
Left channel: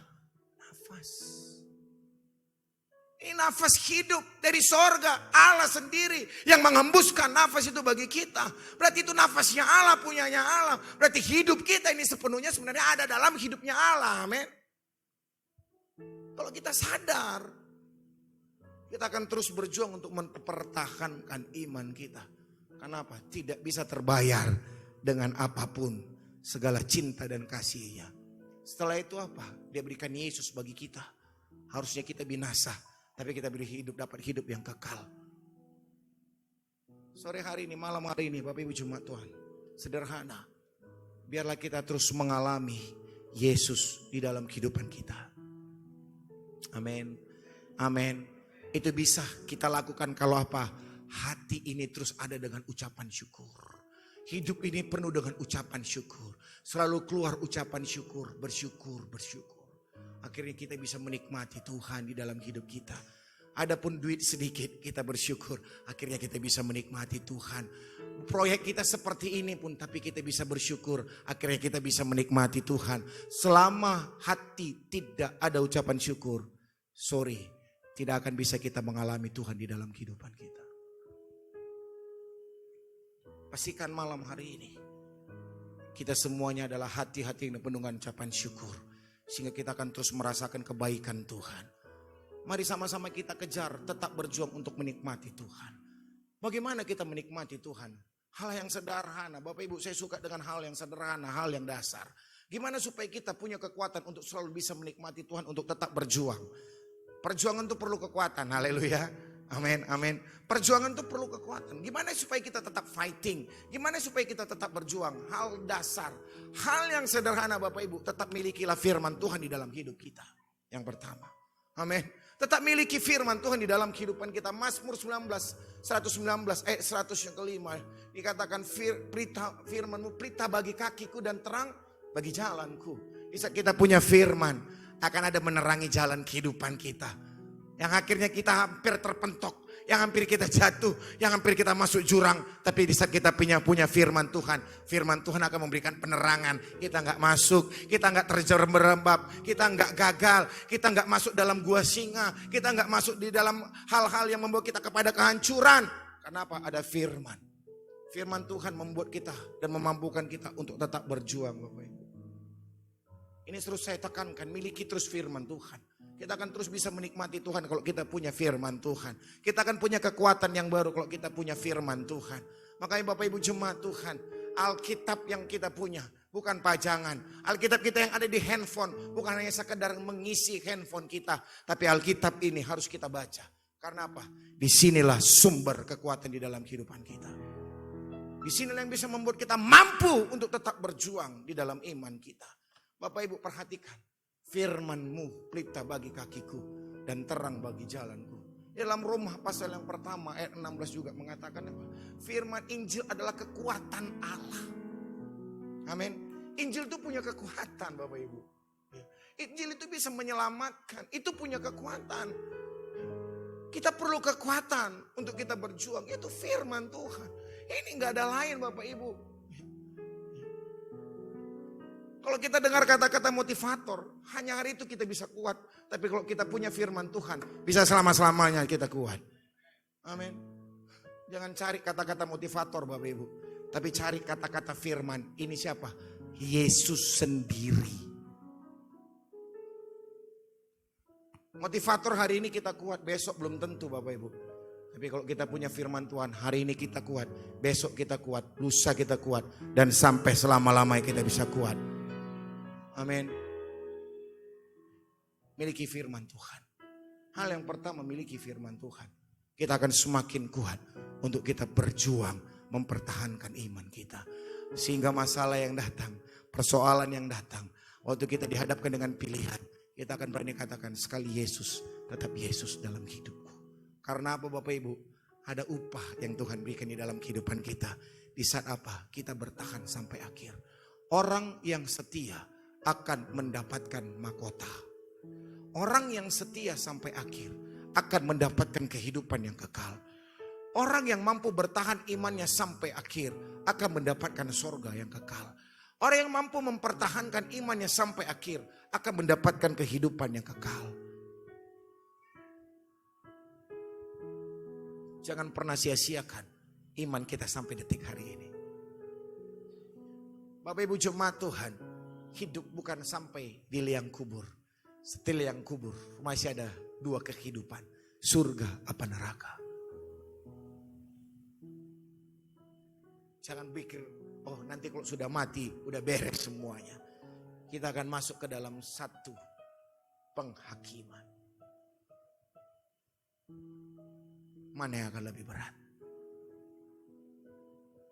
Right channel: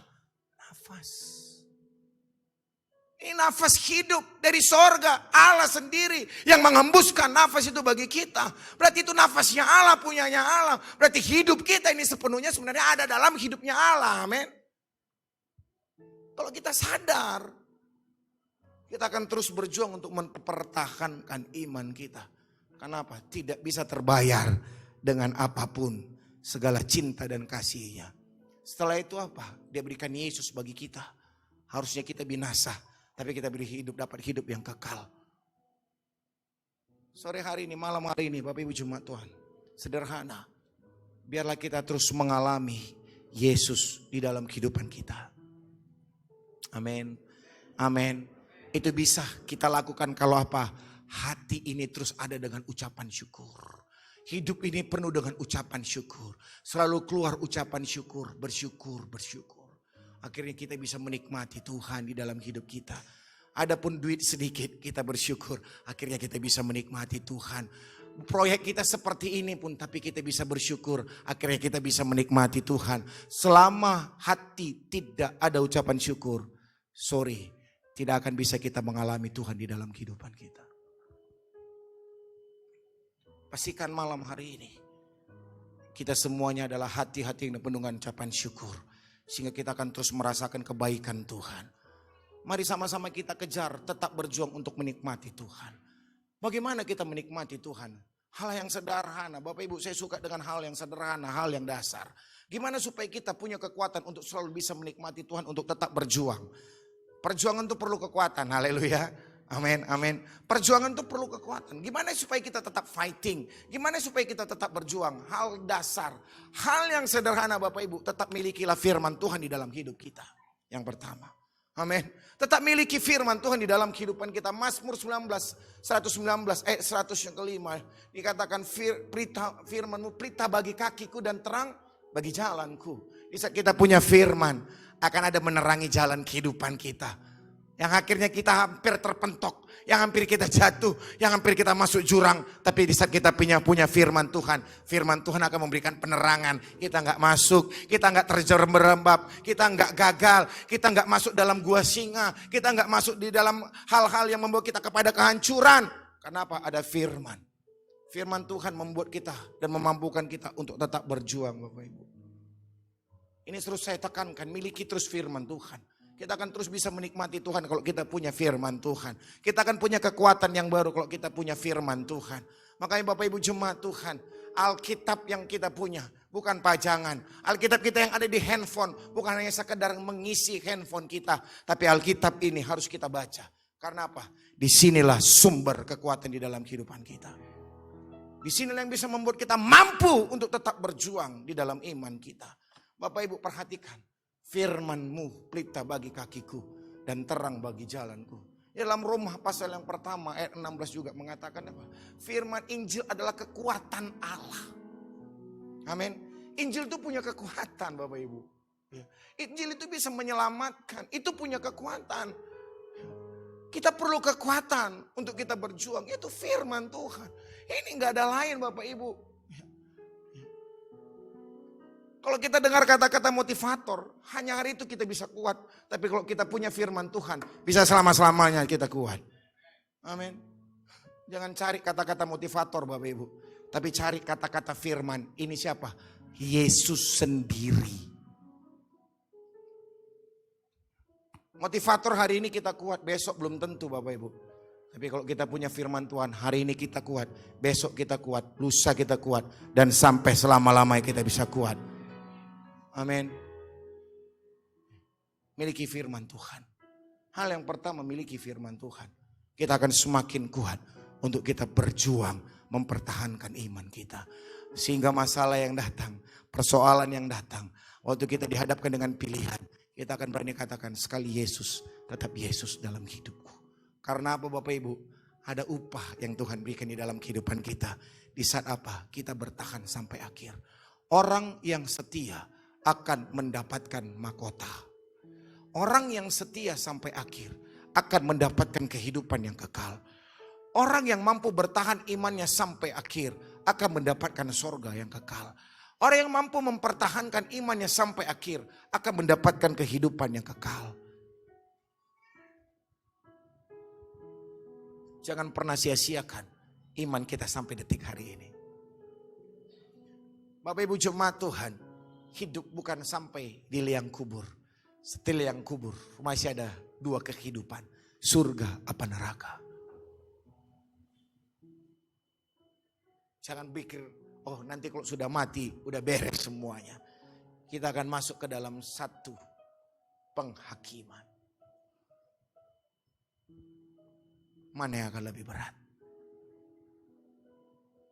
Nafas. Ini nafas hidup dari sorga, Allah sendiri yang menghembuskan nafas itu bagi kita. Berarti itu nafasnya Allah, punyanya Allah. Berarti hidup kita ini sepenuhnya sebenarnya ada dalam hidupnya Allah, amin. Kalau kita sadar, kita akan terus berjuang untuk mempertahankan iman kita. Kenapa? Tidak bisa terbayar dengan apapun segala cinta dan kasih-Nya. Setelah itu apa? Dia berikan Yesus bagi kita. Harusnya kita binasa, tapi kita beri hidup, dapat hidup yang kekal. Sore hari ini, malam hari ini, Bapak Ibu Jemaat Tuhan, sederhana. Biarlah kita terus mengalami Yesus di dalam kehidupan kita. Amin. Amin. Itu bisa kita lakukan kalau apa? Hati ini terus ada dengan ucapan syukur. Hidup ini penuh dengan ucapan syukur. Selalu keluar ucapan syukur, bersyukur, bersyukur. Akhirnya kita bisa menikmati Tuhan di dalam hidup kita. Adapun duit sedikit kita bersyukur. Akhirnya kita bisa menikmati Tuhan. Proyek kita seperti ini pun tapi kita bisa bersyukur. Akhirnya kita bisa menikmati Tuhan. Selama hati tidak ada ucapan syukur, sorry, tidak akan bisa kita mengalami Tuhan di dalam kehidupan kita. Pastikan malam hari ini kita semuanya adalah hati-hati yang penuh dengan ucapan syukur. Sehingga kita akan terus merasakan kebaikan Tuhan. Mari sama-sama kita kejar, tetap berjuang untuk menikmati Tuhan. Bagaimana kita menikmati Tuhan? Hal yang sederhana. Bapak Ibu, saya suka dengan hal yang sederhana, hal yang dasar. Gimana supaya kita punya kekuatan untuk selalu bisa menikmati Tuhan, untuk tetap berjuang? Perjuangan itu perlu kekuatan, haleluya. Amin, amin. Perjuangan itu perlu kekuatan. Gimana supaya kita tetap fighting? Gimana supaya kita tetap berjuang? Hal dasar, hal yang sederhana Bapak Ibu. Tetap milikilah firman Tuhan di dalam hidup kita. Yang pertama. Amin. Tetap miliki firman Tuhan di dalam kehidupan kita. Mazmur 119 ayat 100 yang kelima. Dikatakan firman-Mu pelita bagi kakiku dan terang bagi jalanku. Bisa kita punya firman, akan ada menerangi jalan kehidupan kita. Yang akhirnya kita hampir terpentok, yang hampir kita jatuh, yang hampir kita masuk jurang. Tapi di saat kita punya firman Tuhan akan memberikan penerangan. Kita nggak masuk, kita nggak terjerembab, kita nggak gagal, kita nggak masuk dalam gua singa, kita nggak masuk di dalam hal-hal yang membawa kita kepada kehancuran. Kenapa? Ada firman. Firman Tuhan membuat kita dan memampukan kita untuk tetap berjuang, Bapak Ibu. Ini terus saya tekankan, miliki terus firman Tuhan. Kita akan terus bisa menikmati Tuhan kalau kita punya firman Tuhan. Kita akan punya kekuatan yang baru kalau kita punya firman Tuhan. Makanya Bapak Ibu Jemaat Tuhan, Alkitab yang kita punya bukan pajangan. Alkitab kita yang ada di handphone bukan hanya sekedar mengisi handphone kita. Tapi Alkitab ini harus kita baca. Karena apa? Disinilah sumber kekuatan di dalam kehidupan kita. Disinilah yang bisa membuat kita mampu untuk tetap berjuang di dalam iman kita. Bapak Ibu perhatikan. Firman-Mu pelita bagi kakiku dan terang bagi jalanku. Dalam Roma pasal yang pertama ayat 16 juga mengatakan apa? Firman Injil adalah kekuatan Allah. Amin. Injil itu punya kekuatan Bapak Ibu. Injil itu bisa menyelamatkan. Itu punya kekuatan. Kita perlu kekuatan untuk kita berjuang. Itu firman Tuhan. Ini gak ada lain Bapak Ibu. Kalau kita dengar kata-kata motivator, hanya hari itu kita bisa kuat. Tapi kalau kita punya firman Tuhan, bisa selama-selamanya kita kuat. Amin. Jangan cari kata-kata motivator Bapak Ibu. Tapi cari kata-kata firman. Ini siapa? Yesus sendiri. Motivator hari ini kita kuat, besok belum tentu Bapak Ibu. Tapi kalau kita punya firman Tuhan, hari ini kita kuat, besok kita kuat, lusa kita kuat. Dan sampai selama-lamanya kita bisa kuat. Amin. Miliki firman Tuhan. Hal yang pertama, miliki firman Tuhan. Kita akan semakin kuat untuk kita berjuang mempertahankan iman kita. Sehingga masalah yang datang, persoalan yang datang, waktu kita dihadapkan dengan pilihan, kita akan berani katakan sekali Yesus, tetap Yesus dalam hidupku. Karena apa Bapak Ibu? Ada upah yang Tuhan berikan di dalam kehidupan kita. Di saat apa? Kita bertahan sampai akhir. Orang yang setia akan mendapatkan mahkota. Orang yang setia sampai akhir akan mendapatkan kehidupan yang kekal. Orang yang mampu bertahan imannya sampai akhir akan mendapatkan sorga yang kekal. Orang yang mampu mempertahankan imannya sampai akhir akan mendapatkan kehidupan yang kekal. Jangan pernah sia-siakan iman kita sampai detik hari ini. Bapak Ibu Jemaat Tuhan, hidup bukan sampai di liang kubur. Setelah liang kubur masih ada dua kehidupan. Surga apa neraka. Jangan pikir, oh nanti kalau sudah mati udah beres semuanya. Kita akan masuk ke dalam satu penghakiman. Mana yang akan lebih berat?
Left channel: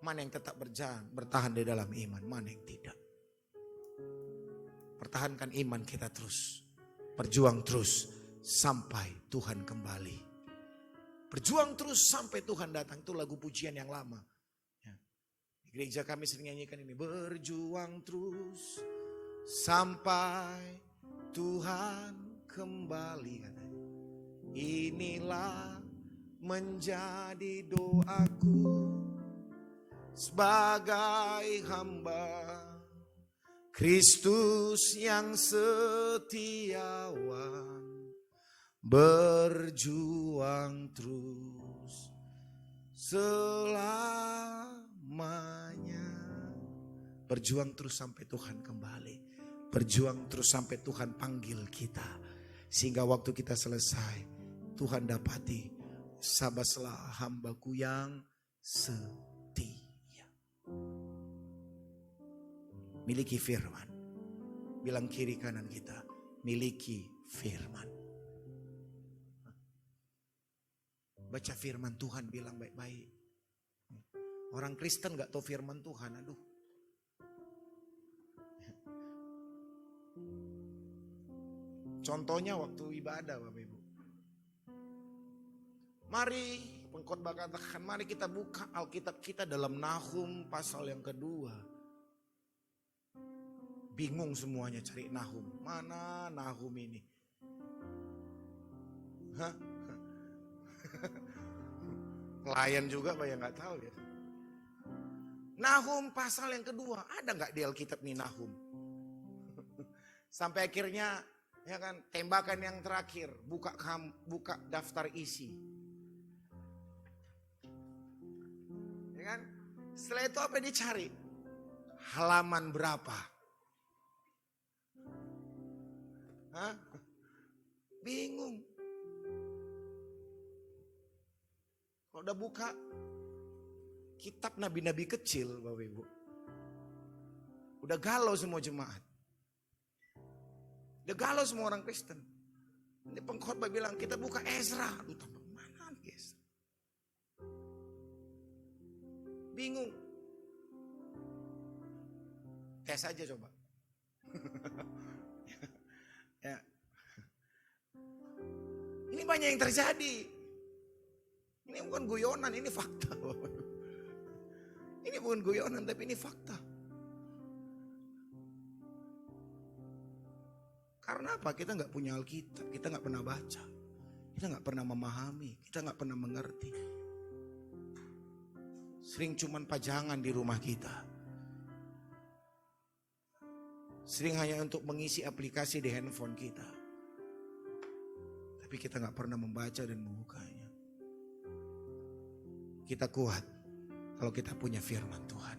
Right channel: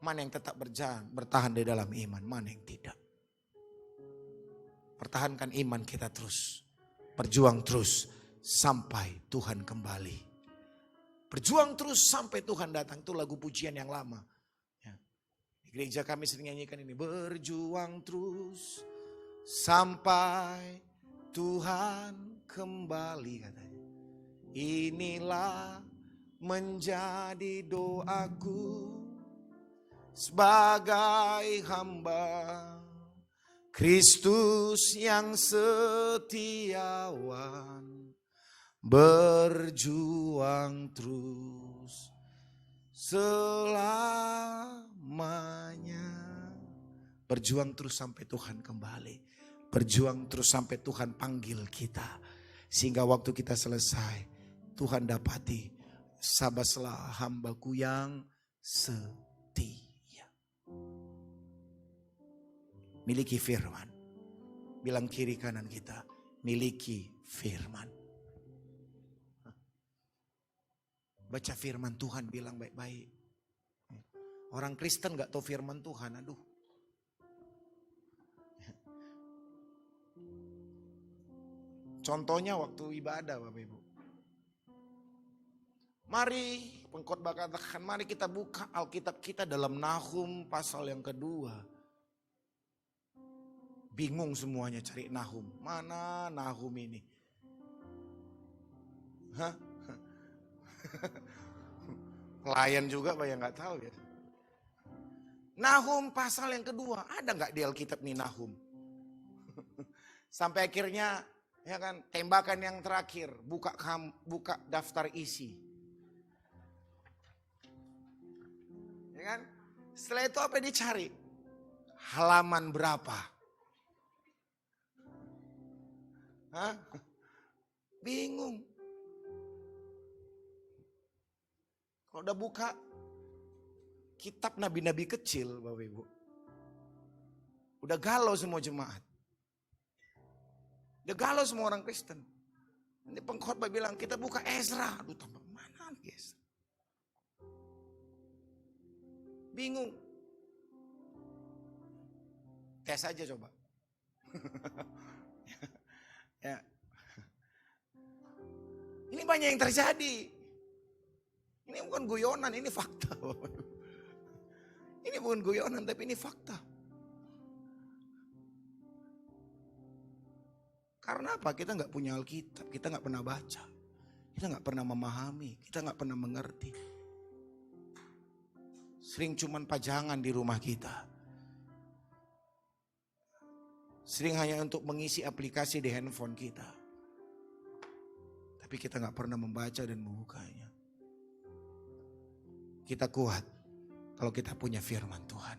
Mana yang tetap bertahan di dalam iman, mana yang tidak? Pertahankan iman kita terus. Berjuang terus sampai Tuhan kembali. Berjuang terus sampai Tuhan datang. Itu lagu pujian yang lama. Ya. Di gereja kami sering nyanyikan ini. Berjuang terus sampai Tuhan kembali, katanya. Inilah menjadi doaku sebagai hamba Kristus yang setiawan, berjuang terus selamanya. Berjuang terus sampai Tuhan kembali. Berjuang terus sampai Tuhan panggil kita. Sehingga waktu kita selesai, Tuhan dapati, sabaslah hambaku yang setia. Miliki firman. Bilang kiri kanan kita, miliki firman. Baca firman Tuhan, bilang baik-baik. Orang Kristen gak tahu firman Tuhan, aduh. Contohnya waktu ibadah Bapak Ibu. Mari pengkhotbah katakan, mari kita buka Alkitab kita dalam Nahum pasal yang kedua. Bingung semuanya cari Nahum. Mana Nahum ini? Hah? Pelayan juga Pak yang gak tahu ya. Nahum pasal yang kedua. Ada gak di Alkitab nih Nahum? Sampai akhirnya ya kan, tembakan yang terakhir, buka daftar isi. Ya kan? Setelah itu apa yang dicari? Halaman berapa? Hah? Bingung. Kalau udah buka kitab nabi-nabi kecil Bapak Ibu, udah galau semua jemaat. Udah galau semua orang Kristen. Ini pengkhotbah bilang kita buka Ezra. Aduh, tambah mana guys? Bingung. Tes aja coba. Ya. Ini banyak yang terjadi. Ini bukan guyonan, ini fakta. Ini bukan guyonan, tapi ini fakta. Karena apa? Kita nggak punya Alkitab, kita nggak pernah baca, kita nggak pernah memahami, kita nggak pernah mengerti. Sering cuman pajangan di rumah kita. Sering hanya untuk mengisi aplikasi di handphone kita. Tapi kita nggak pernah membaca dan membukanya. Kita kuat kalau kita punya firman Tuhan.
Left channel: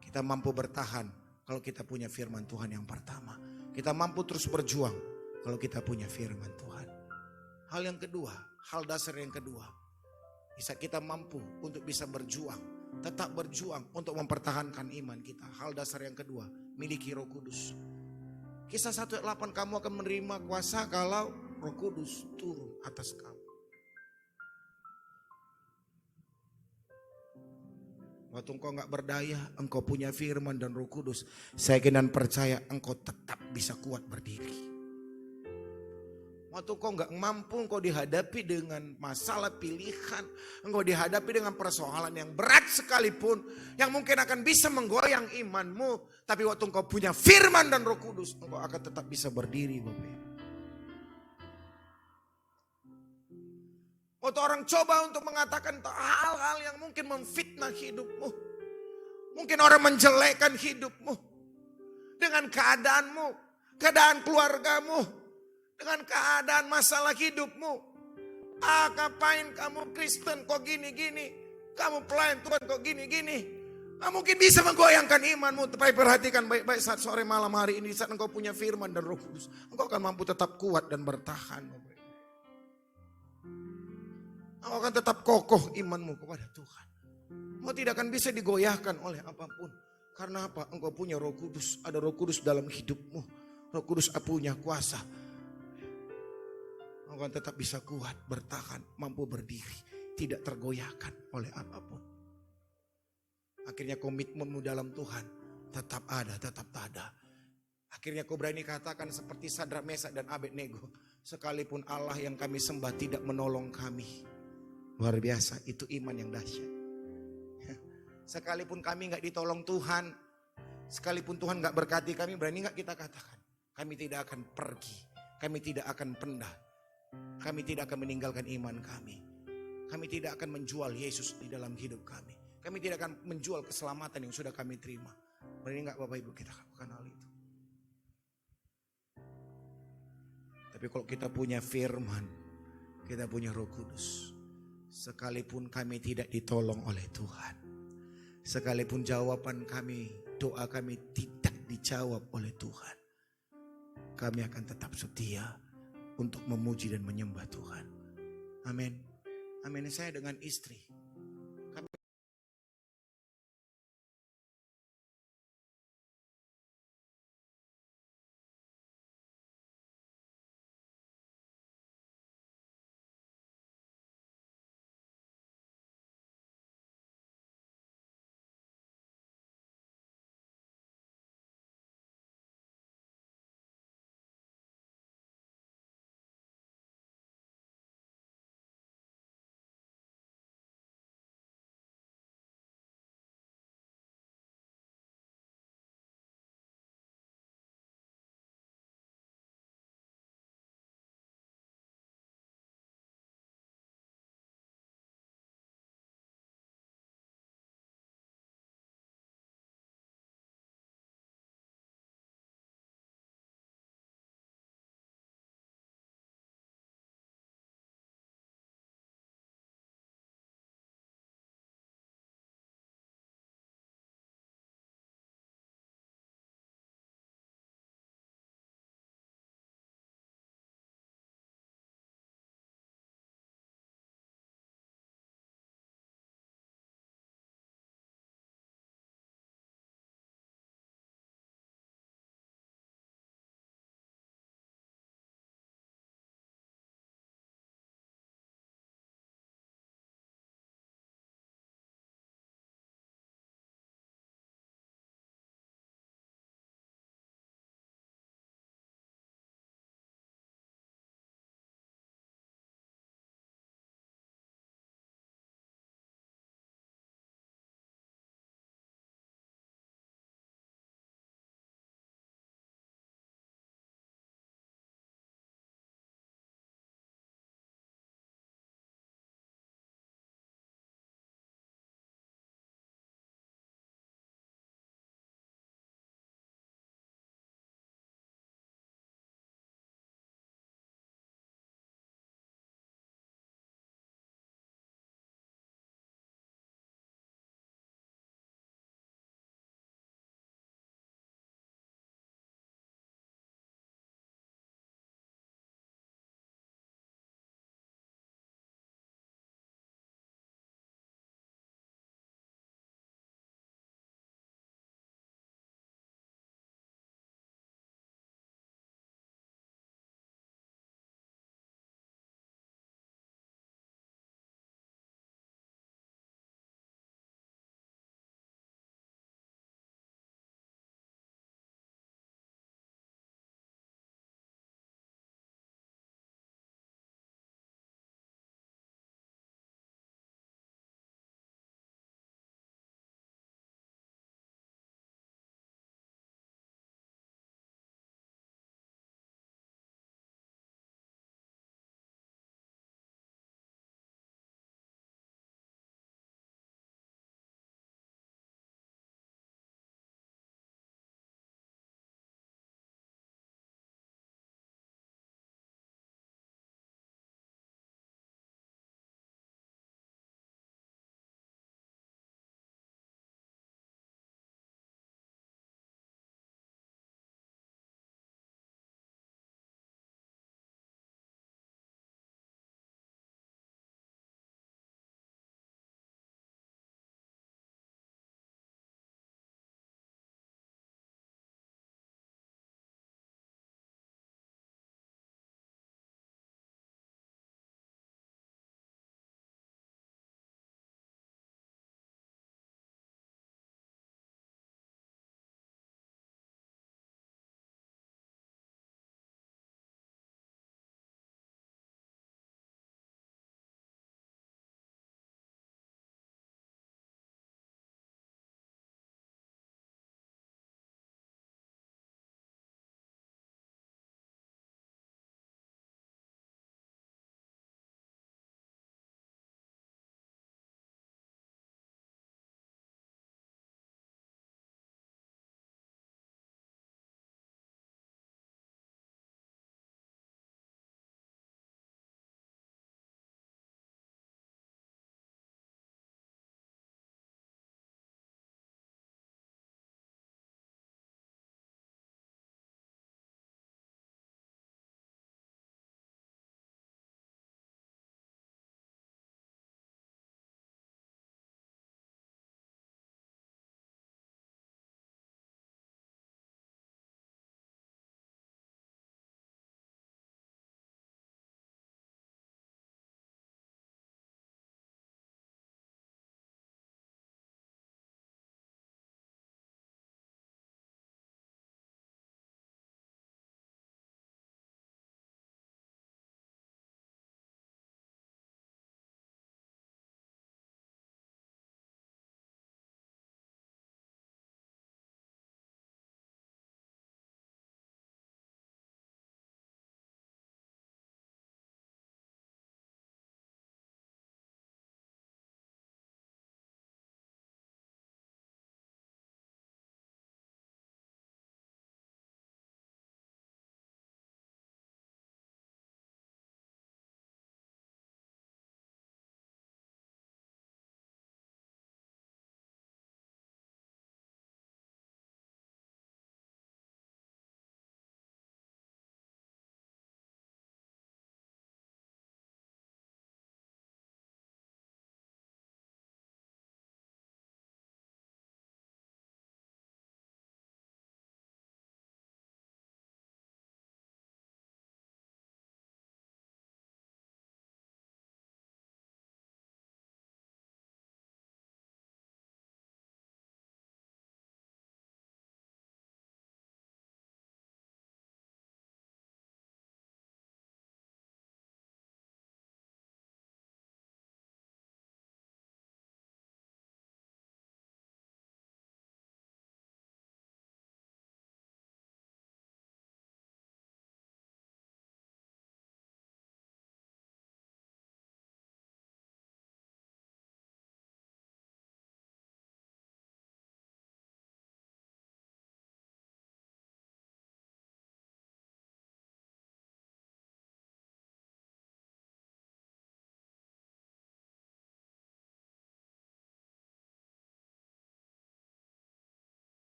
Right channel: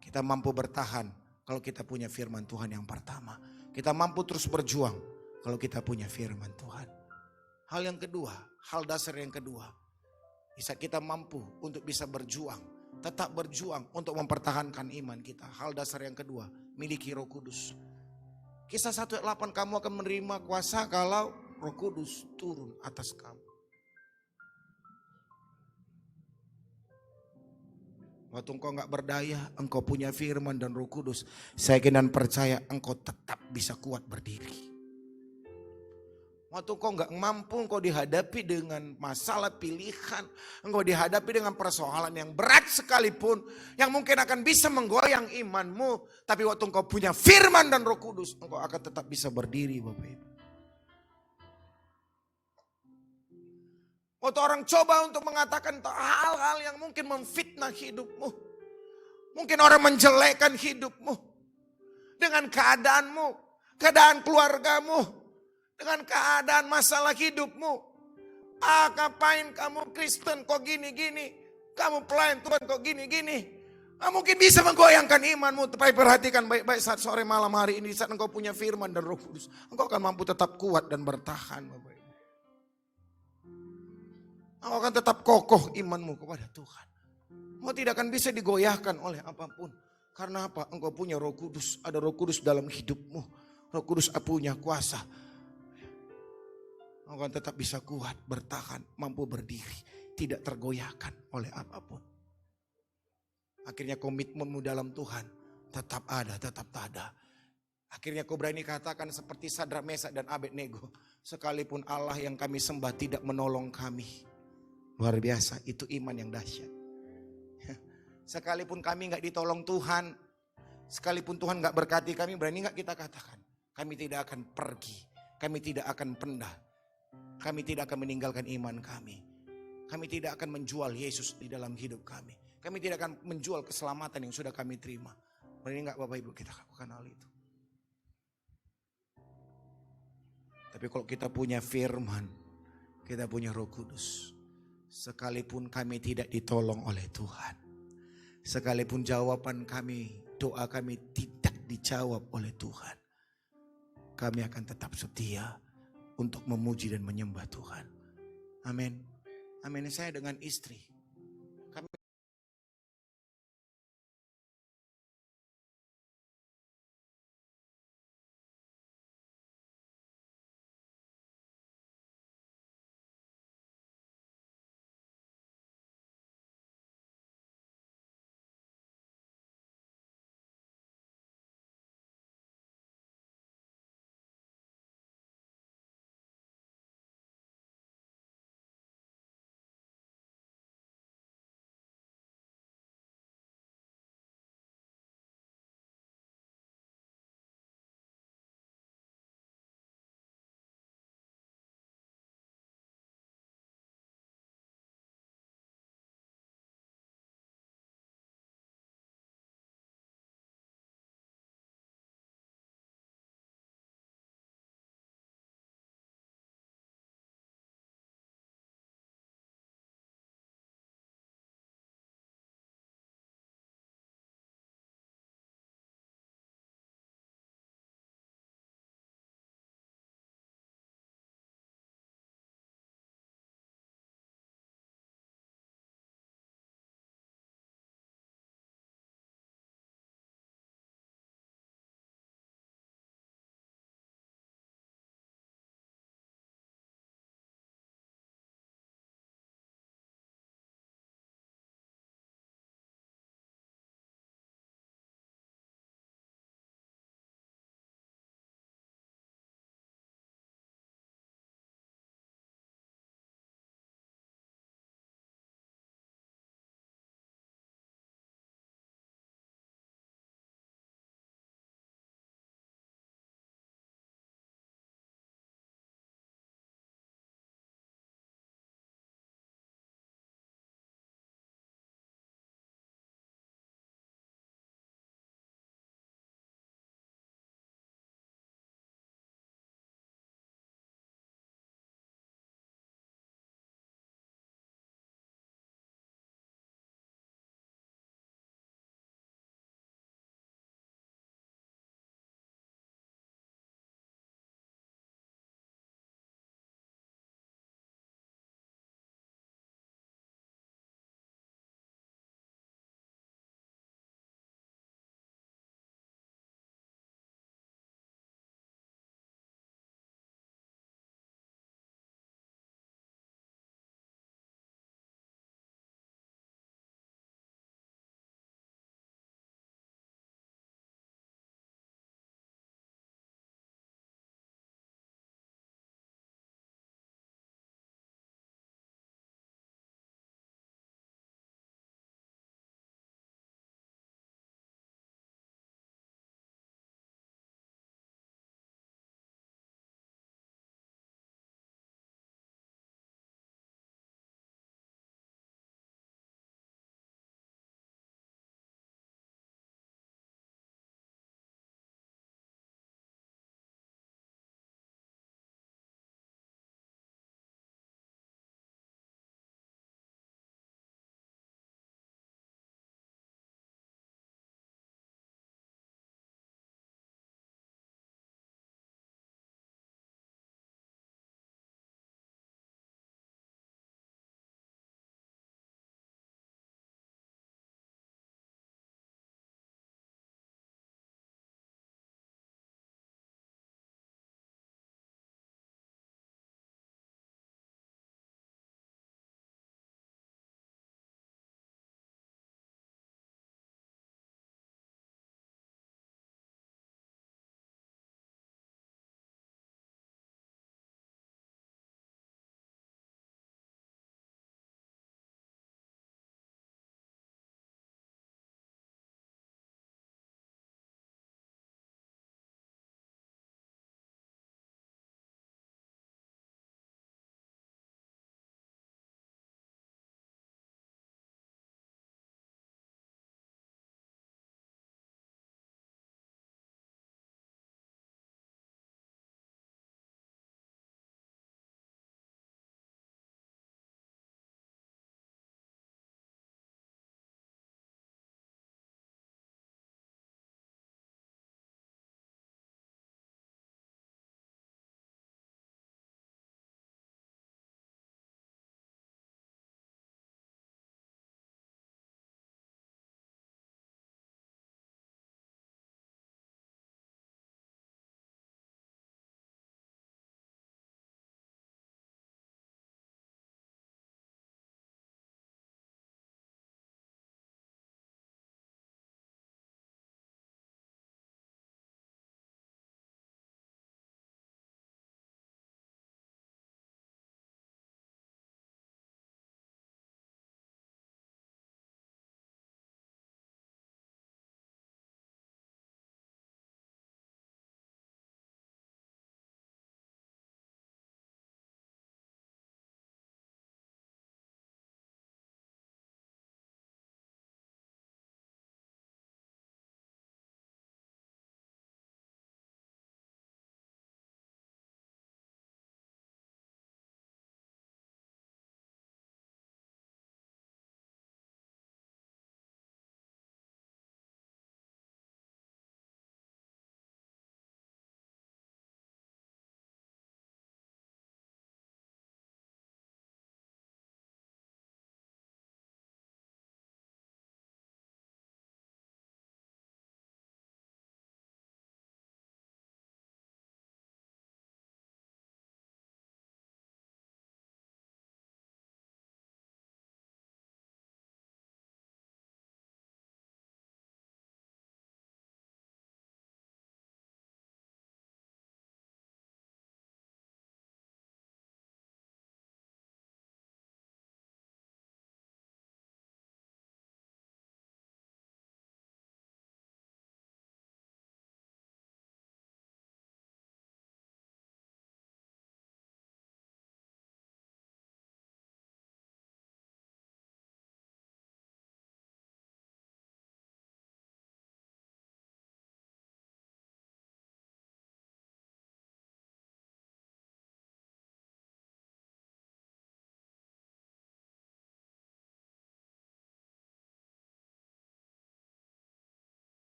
Kita mampu bertahan kalau kita punya firman Tuhan yang pertama. Kita mampu terus berjuang kalau kita punya firman Tuhan. Hal yang kedua, hal dasar yang kedua. Bisa kita mampu untuk bisa berjuang. Tetap berjuang untuk mempertahankan iman kita. Hal dasar yang kedua, miliki Roh Kudus. Kisah 1 ayat 8, kamu akan menerima kuasa kalau Roh Kudus turun atas kamu. Waktu engkau gak berdaya, engkau punya firman dan Roh Kudus. Saya yakin dan percaya engkau tetap bisa kuat berdiri. Waktu engkau gak mampu, engkau dihadapi dengan masalah pilihan. Engkau dihadapi dengan persoalan yang berat sekalipun. Yang mungkin akan bisa menggoyang imanmu. Tapi waktu engkau punya firman dan Roh Kudus, engkau akan tetap bisa berdiri Bapak Ibu. Waktu orang coba untuk mengatakan hal-hal yang mungkin memfitnah hidupmu. Mungkin orang menjelekkan hidupmu. Dengan keadaanmu, keadaan keluargamu. Dengan keadaan masalah hidupmu. Ngapain kamu Kristen kok gini-gini. Kamu pelayan Tuhan kok gini-gini. Nggak mungkin bisa menggoyangkan imanmu. Tapi perhatikan baik-baik saat sore malam hari ini. Saat engkau punya firman dan Roh Kudus. Engkau akan mampu tetap kuat dan bertahan Bapak. Engkau akan tetap kokoh imanmu kepada Tuhan. Engkau tidak akan bisa digoyahkan oleh apapun. Karena apa? Engkau punya Roh Kudus. Ada Roh Kudus dalam hidupmu. Roh Kudus punya kuasa. engkau tetap bisa kuat, bertahan, mampu berdiri, tidak tergoyahkan oleh apapun. Akhirnya komitmenmu dalam Tuhan tetap ada, tetap ada. Akhirnya kau berani katakan seperti Sadrak, Mesak dan Abednego, sekalipun Allah yang kami sembah tidak menolong kami. Luar biasa, itu iman yang dahsyat. Sekalipun kami gak ditolong Tuhan, sekalipun Tuhan gak berkati kami, berani gak kita katakan, kami tidak akan pergi, kami tidak akan pindah, kami tidak akan meninggalkan iman kami. Kami tidak akan menjual Yesus di dalam hidup kami. Kami tidak akan menjual keselamatan yang sudah kami terima. Berani gak Bapak Ibu kita lakukan hal itu? Tapi kalau kita punya firman, kita punya Roh Kudus, sekalipun kami tidak ditolong oleh Tuhan, sekalipun jawaban kami, doa kami tidak dijawab oleh Tuhan, kami akan tetap setia untuk memuji dan menyembah Tuhan. Amin. Amin. Saya dengan istri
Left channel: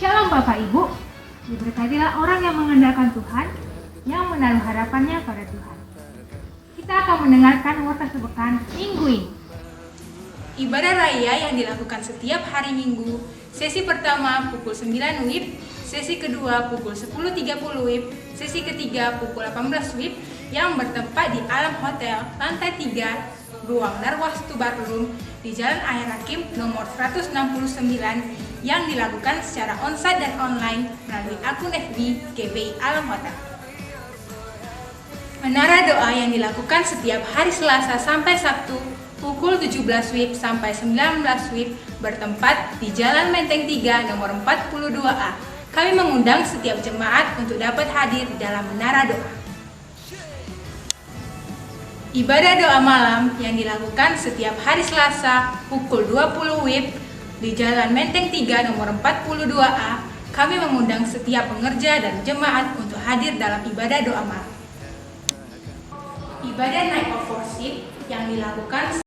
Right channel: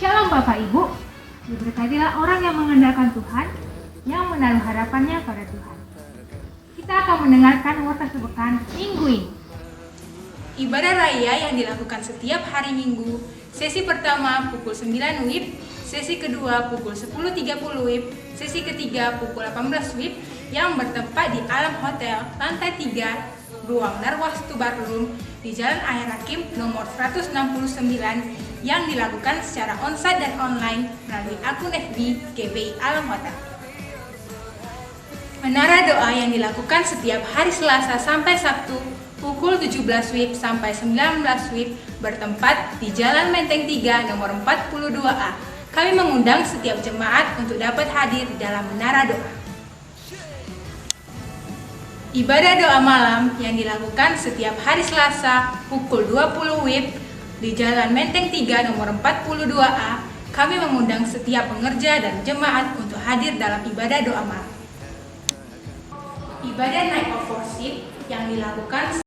Shalom Bapak Ibu, diberkatilah orang yang mengandalkan Tuhan, yang menaruh harapannya pada Tuhan. Kita akan mendengarkan warta sepekan minggu ini. Ibadah raya yang dilakukan setiap hari Minggu, sesi pertama pukul 9 WIB, sesi kedua pukul 10.30 WIB, sesi ketiga pukul 18 WIB yang bertempat di Alam Hotel, lantai 3, Ruang Narwastu Barroom di Jalan Air Hakim nomor 169 yang dilakukan secara onsite dan online melalui akun FB GBI Alam Hotel. Menara doa yang dilakukan setiap hari Selasa sampai Sabtu pukul 17 WIB sampai 19 WIB bertempat di Jalan Menteng 3 nomor 42A. Kami mengundang setiap jemaat untuk dapat hadir di dalam menara doa. Ibadah doa malam yang dilakukan setiap hari Selasa pukul 20 WIB di Jalan Menteng 3 nomor 42A. Kami mengundang setiap pengerja dan jemaat untuk hadir dalam ibadah doa malam. Ibadah Night of Worship yang dilakukan